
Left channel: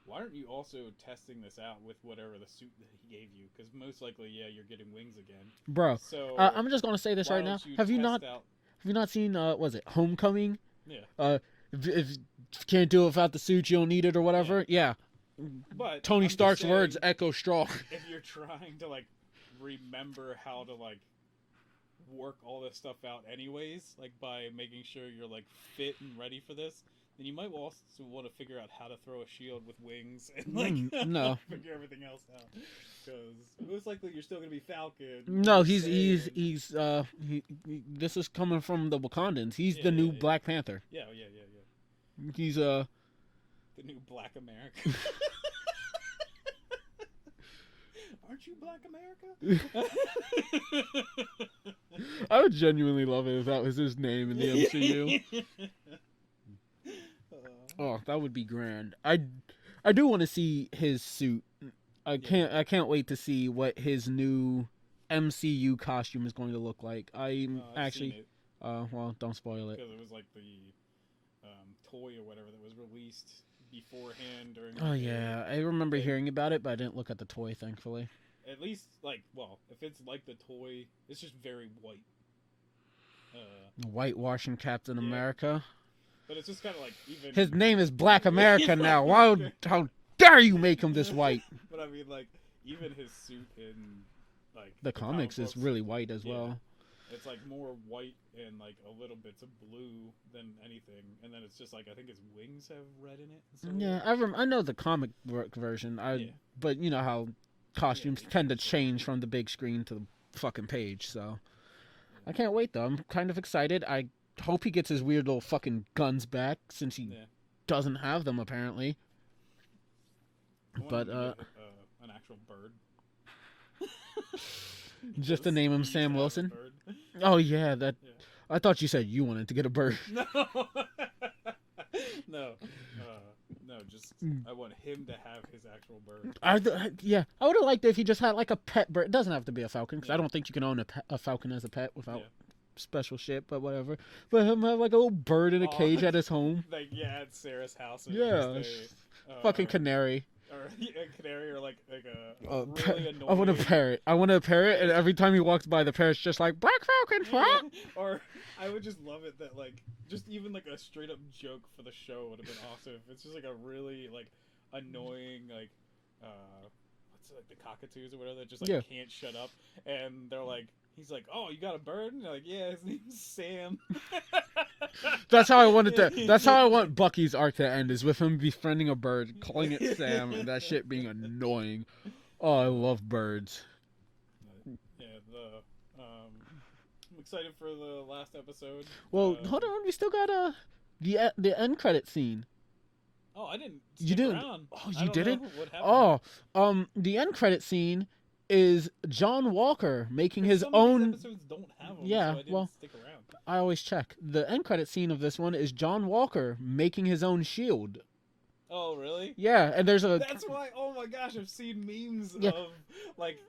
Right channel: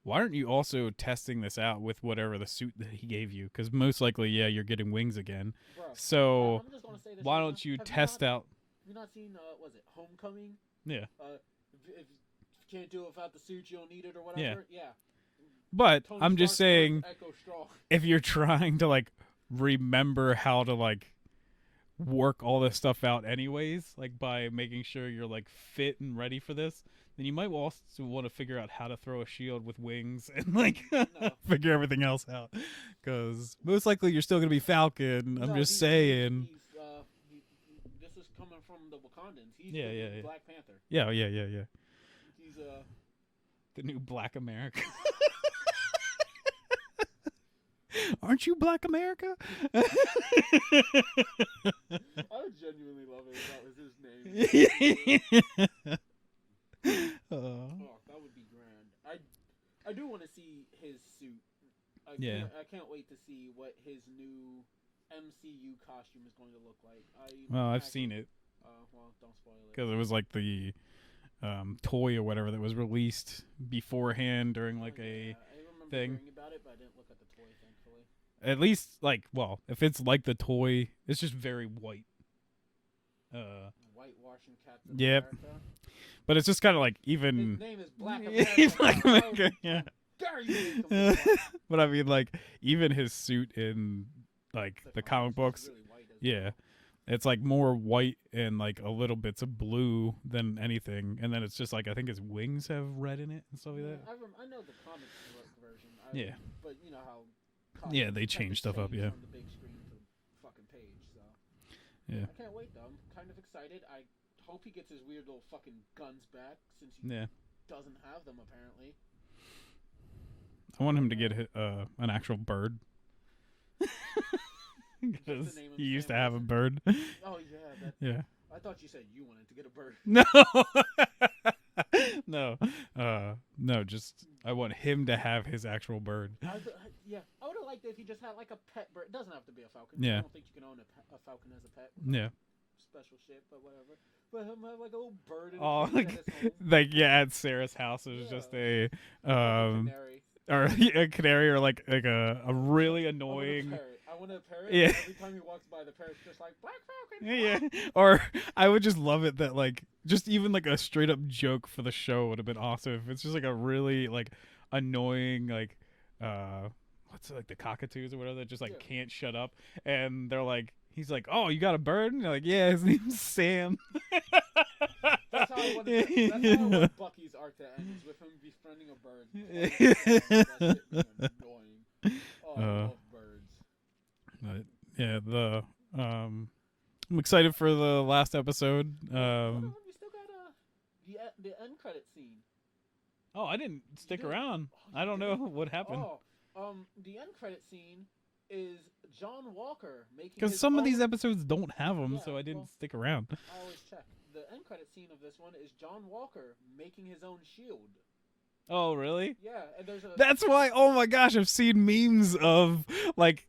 why aren't you also testing this out with whatever the suit that he gave you? Because most likely, yeah, you're getting wings again. Bro, So I'm just gonna say this why right now. don't you Have you test not out? have you not seen was it Homecoming? Yeah, If you can't do it without the suit, you don't need it or whatever. Yeah. but Tony I'm Stark's just saying, words echo strong. if you're trying to like remember how to like work all this stuff out anyways, like by making sure you're like fit and ready for this, then you might also want to figure out how to throw a shield with wings and like no. figure everything else out, because most likely you're still gonna be Falcon. No, he's saying. he's this is coming from the Wakandans. He's Yeah, the new yeah, yeah. Black Panther. Yeah. He's The new Black America. Aren't you Black America? I would genuinely love it if that was his name in the MCU. Oh, that would be grand. I do want to see his suit. I can't wait to see what his new MCU costume is going to look like. I've seen it Well, don't spoil it. because it was like the toy or whatever that was released beforehand during. Like, I remember thing. hearing about it, but I didn't look at the toy, thankfully. At least like, well, if it's like the toy, it's just very white. Whitewashing Captain Yep. America. But it's just kind of like even. His name is Black America now. Black How America. dare you make him this white? But I mean, like even his suit in like The comic comics books, is really white as Yeah. well. It's like more white and like a little bits of blue than anything, and then it's just like I think his wings have red in it. And stuff Yeah, I know the comic book version. But you know how costumes tend to change from the big screen to the fucking page. So I can't wait though. I'm kind of excited. I hope he gets his weird little fucking guns back since he doesn't have them apparently. I want him to get an actual bird. Just to name him Sam Wilson. Bird. Oh yeah, I thought you said you wanted to get a bird. No. No. Just I want him to have his actual bird. I would have liked it if he just had like a pet bird. It doesn't have to be a falcon. I don't think you can own a falcon as a pet without special shit. But whatever. But him have like a little bird in a cage at his home. Like at Sarah's house. Just a fucking canary. Or a canary, or like a really annoying. I want a parrot, and every time he walks by, the parrot's just like Black Falcon. Huh? Or I would just love it that like just even like a straight up joke for the show would have been awesome. If it's just like a really like annoying like what's it, like the cockatoos or whatever that just like can't shut up, and they're like he's like, oh, you got a bird, and you're like, yeah, his name's Sam. That's how I wanted to. That's how I want Bucky's arc to end, is with him befriending a bird, calling it Sam, and that shit being annoying. Oh, I love birds. Yeah, I'm excited for the last episode. Well, hold on, we still got the end credit scene. Oh, I didn't stick around. Oh, you didn't? What happened? Oh, the end credit scene is John Walker making his own. Some of these episodes don't have them, so I didn't stick around. I always check. The end credit scene of this one is John Walker making his own shield. Oh, really? Yeah, and there's a. That's why. Oh my gosh, I've seen memes of like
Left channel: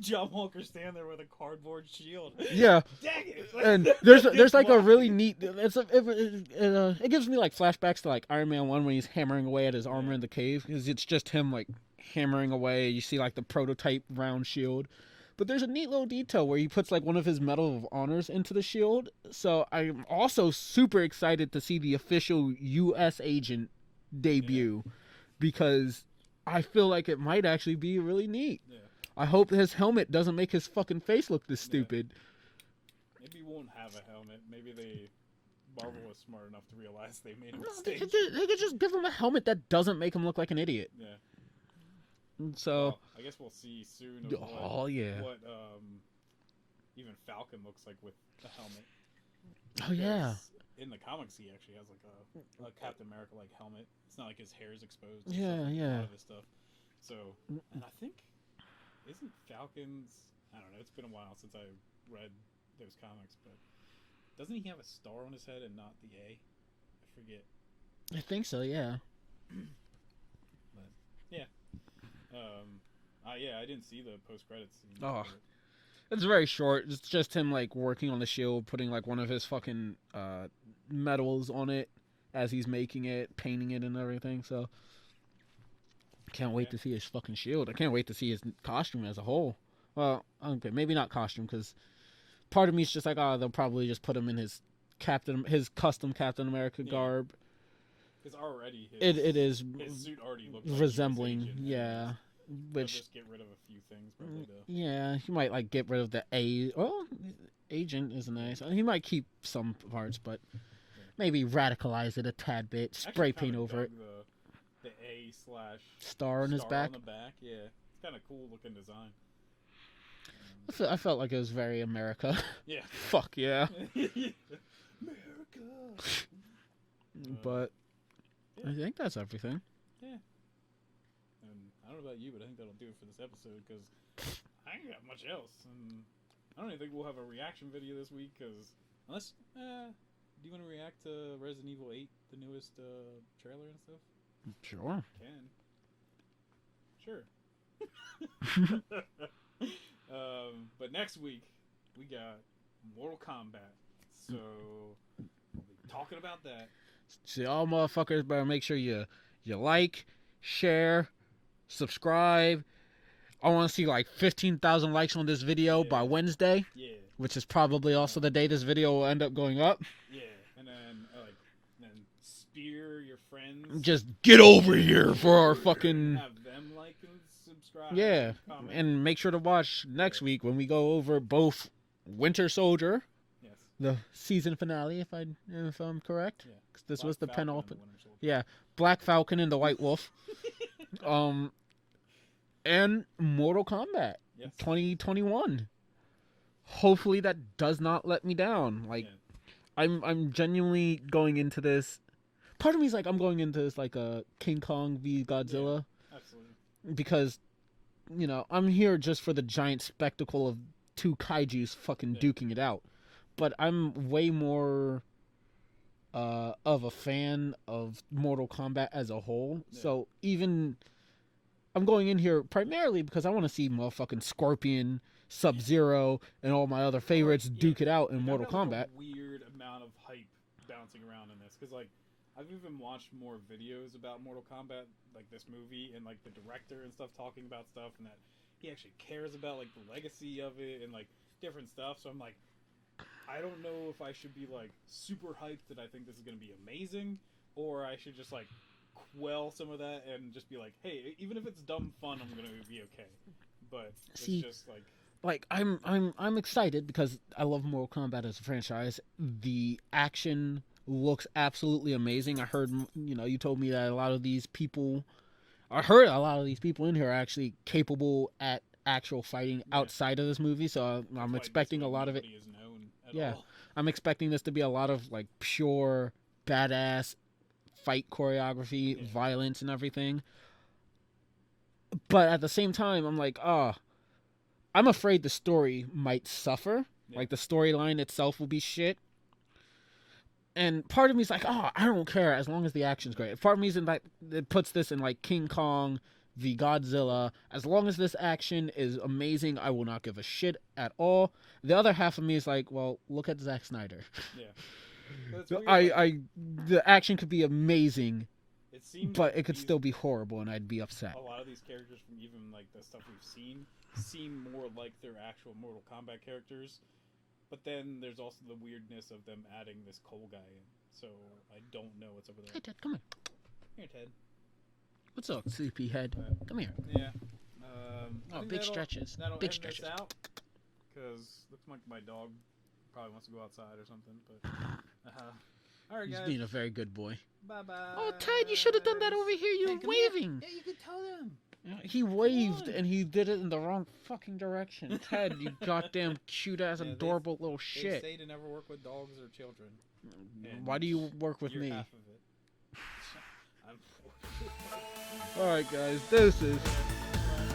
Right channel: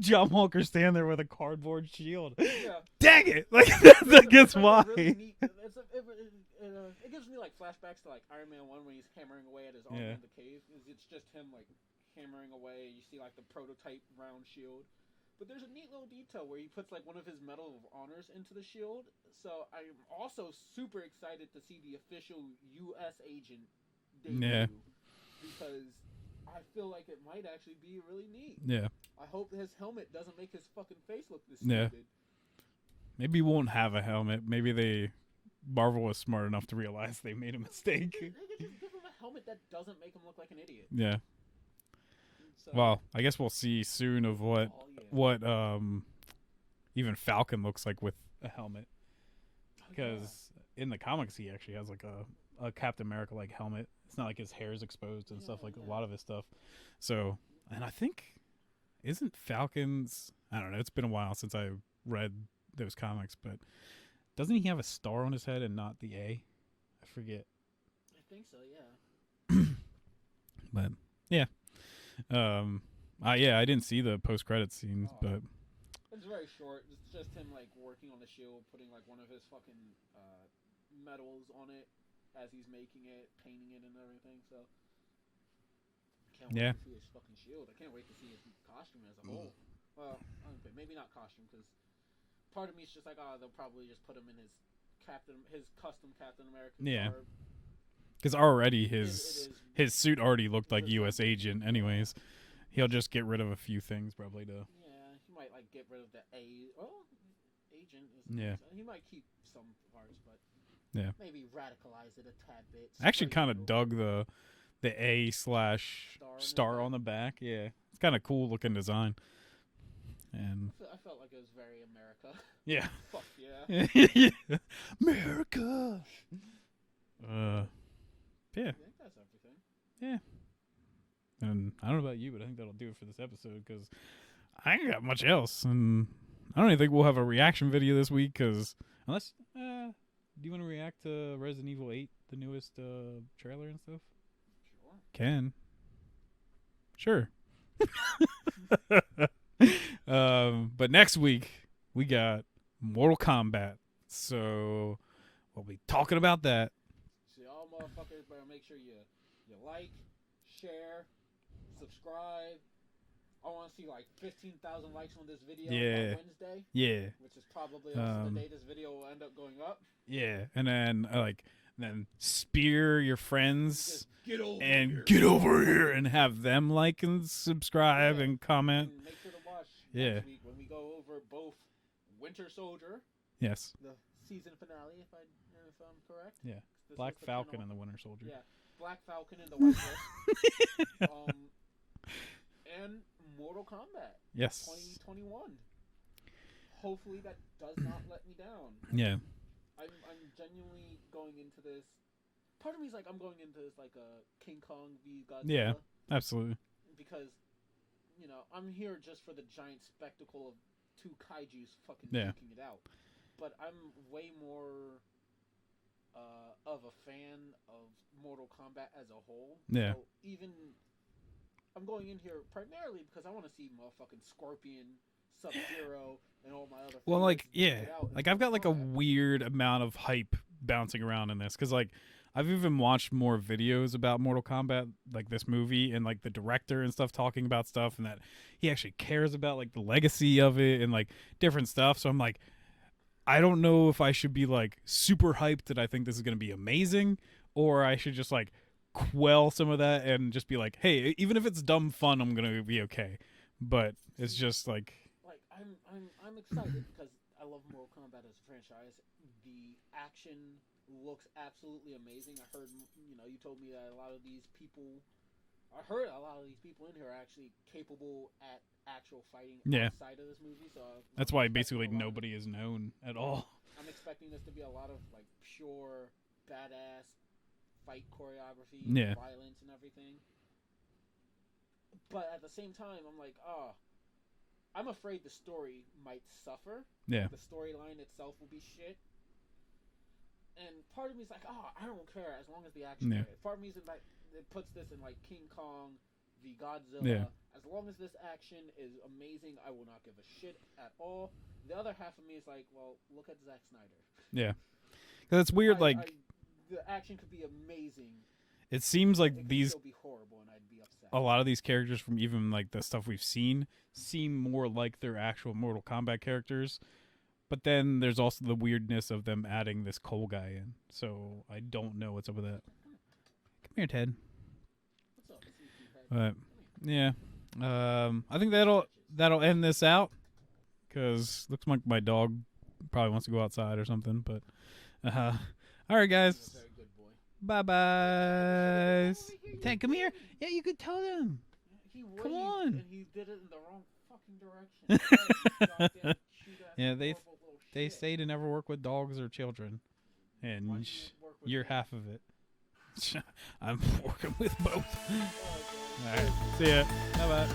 John Walker standing there with a cardboard shield. Yeah. Dang it! Like, there's like a really neat. It gives me like flashbacks to like Iron Man 1 when he's hammering away at his armor in the cave, because it's just him like hammering away. You see like the prototype round shield, but there's a neat little detail where he puts like one of his Medal of Honors into the shield. So I'm also super excited to see the official U.S. agent debut, because I feel like it might actually be really neat. Yeah. I hope his helmet doesn't make his fucking face look this stupid. Maybe he won't have a helmet. Maybe Marvel was smart enough to realize they made a mistake. They could just give him a helmet that doesn't make him look like an idiot. Yeah. So, well, I guess we'll see soon of what even Falcon looks like with a helmet. Oh yeah. In the comics, he actually has like a Captain America like helmet. It's not like his hair's exposed and stuff like a lot of his stuff. So, and I think isn't Falcon's? I don't know. It's been a while since I read those comics, but doesn't he have a star on his head and not the A? I forget. I think so. Yeah. But yeah. I didn't see the post-credits scene, but it's very short. It's just him like working on the shield, putting like one of his fucking medals on it as he's making it, painting it and everything. So can't wait to see his fucking shield. I can't wait to see his costume as a whole. Well, okay, maybe not costume, because part of me is just like, oh, they'll probably just put him in his custom Captain America garb. Because already his suit already looked like U.S. agent anyways. He'll just get rid of a few things probably to. Yeah, he might like get rid of the A. Well, agent isn't there, so he might keep some parts, but maybe radicalize it a tad bit. I actually kind of dug the A / star on the back. Yeah, it's kind of cool looking design. And I felt like it was very America. Yeah. Fuck yeah. America. But I think that's everything. Yeah. And I don't know about you, but I think that'll do it for this episode, because I ain't got much else. And I don't even think we'll have a reaction video this week, because unless, do you want to react to Resident Evil 8, the newest trailer and stuff? Sure. Can. Sure. But next week, we got Mortal Kombat. So we'll be talking about that. So y'all motherfuckers better make sure you like, share, subscribe. I want to see like 15,000 likes on this video by Wednesday. Yeah. Which is probably also the day this video will end up going up. Yeah. And then then spear your friends. Just get over here. Get over here and have them like and subscribe and comment. And make sure to watch next week when we go over both Winter Soldier, Yes. the season finale, if I'm correct. Yeah. 'Cause this Black was the Falcon and penultimate. the Winter Soldier. Yeah, Black Falcon and the White Wolf. And Mortal Kombat Yes. 2021. Hopefully that does not let me down. Like, yeah. I'm genuinely going into this. Part of me is like, I'm going into this like a King Kong v Godzilla. Yeah. Absolutely. Because, you know, I'm here just for the giant spectacle of two kaijus fucking duking it out. But I'm way more of a fan of Mortal Kombat as a whole. Yeah. So even I'm going in here primarily because I want to see motherfucking Scorpion, Sub-Zero, and all my other favorites duke it out in like Mortal I've got Kombat. like a weird amount of hype bouncing around in this because like I've even watched more videos about Mortal Kombat, like this movie, and like the director and stuff talking about stuff, and that he actually cares about like the legacy of it and like different stuff. So I'm like, I don't know if I should be like super hyped that I think this is going to be amazing, or I should just like quell some of that and just be like, hey, even if it's dumb fun, I'm going to be okay. But it's just like I'm excited because I love Mortal Kombat as a franchise. The action looks absolutely amazing. I heard, you know, you told me that I heard a lot of these people in here are actually capable at actual fighting outside of this movie. So that's I'm why expecting basically a lot nobody of it. is known at all. I'm expecting this to be a lot of like pure badass fight choreography, violence, and everything. But at the same time, I'm like, I'm afraid the story might suffer. Yeah. Like the storyline itself will be shit. And part of me is like, I don't care as long as the action's great. Part of me is in like, it puts this in like King Kong v Godzilla. Yeah. As long as this action is amazing, I will not give a shit at all. The other half of me is like, well, look at Zack Snyder. Yeah. That's weird. The action could be amazing. It seems like it could still be horrible, and I'd be upset. A lot of these characters from even like the stuff we've seen seem more like their actual Mortal Kombat characters. But then there's also the weirdness of them adding this Cole guy in. So I don't know what's up with that. Hey, Ted, come here. Come here, Ted. What's up, sleepyhead? Come here. Yeah. I think that'll end this out. Because looks like my dog probably wants to go outside or something. But all right, guys. He's being a very good boy. Bye-bye. Oh, Ted, you should have done that over here. You were waving. Yeah, you could tell them. He waved and he did it in the wrong fucking direction. Ted, you goddamn cute-ass, adorable little shit. They say to never work with dogs or children. And why do you work with me? You're half of it. I'm working with both. All right, guys. This is... Yeah. Bye-bye.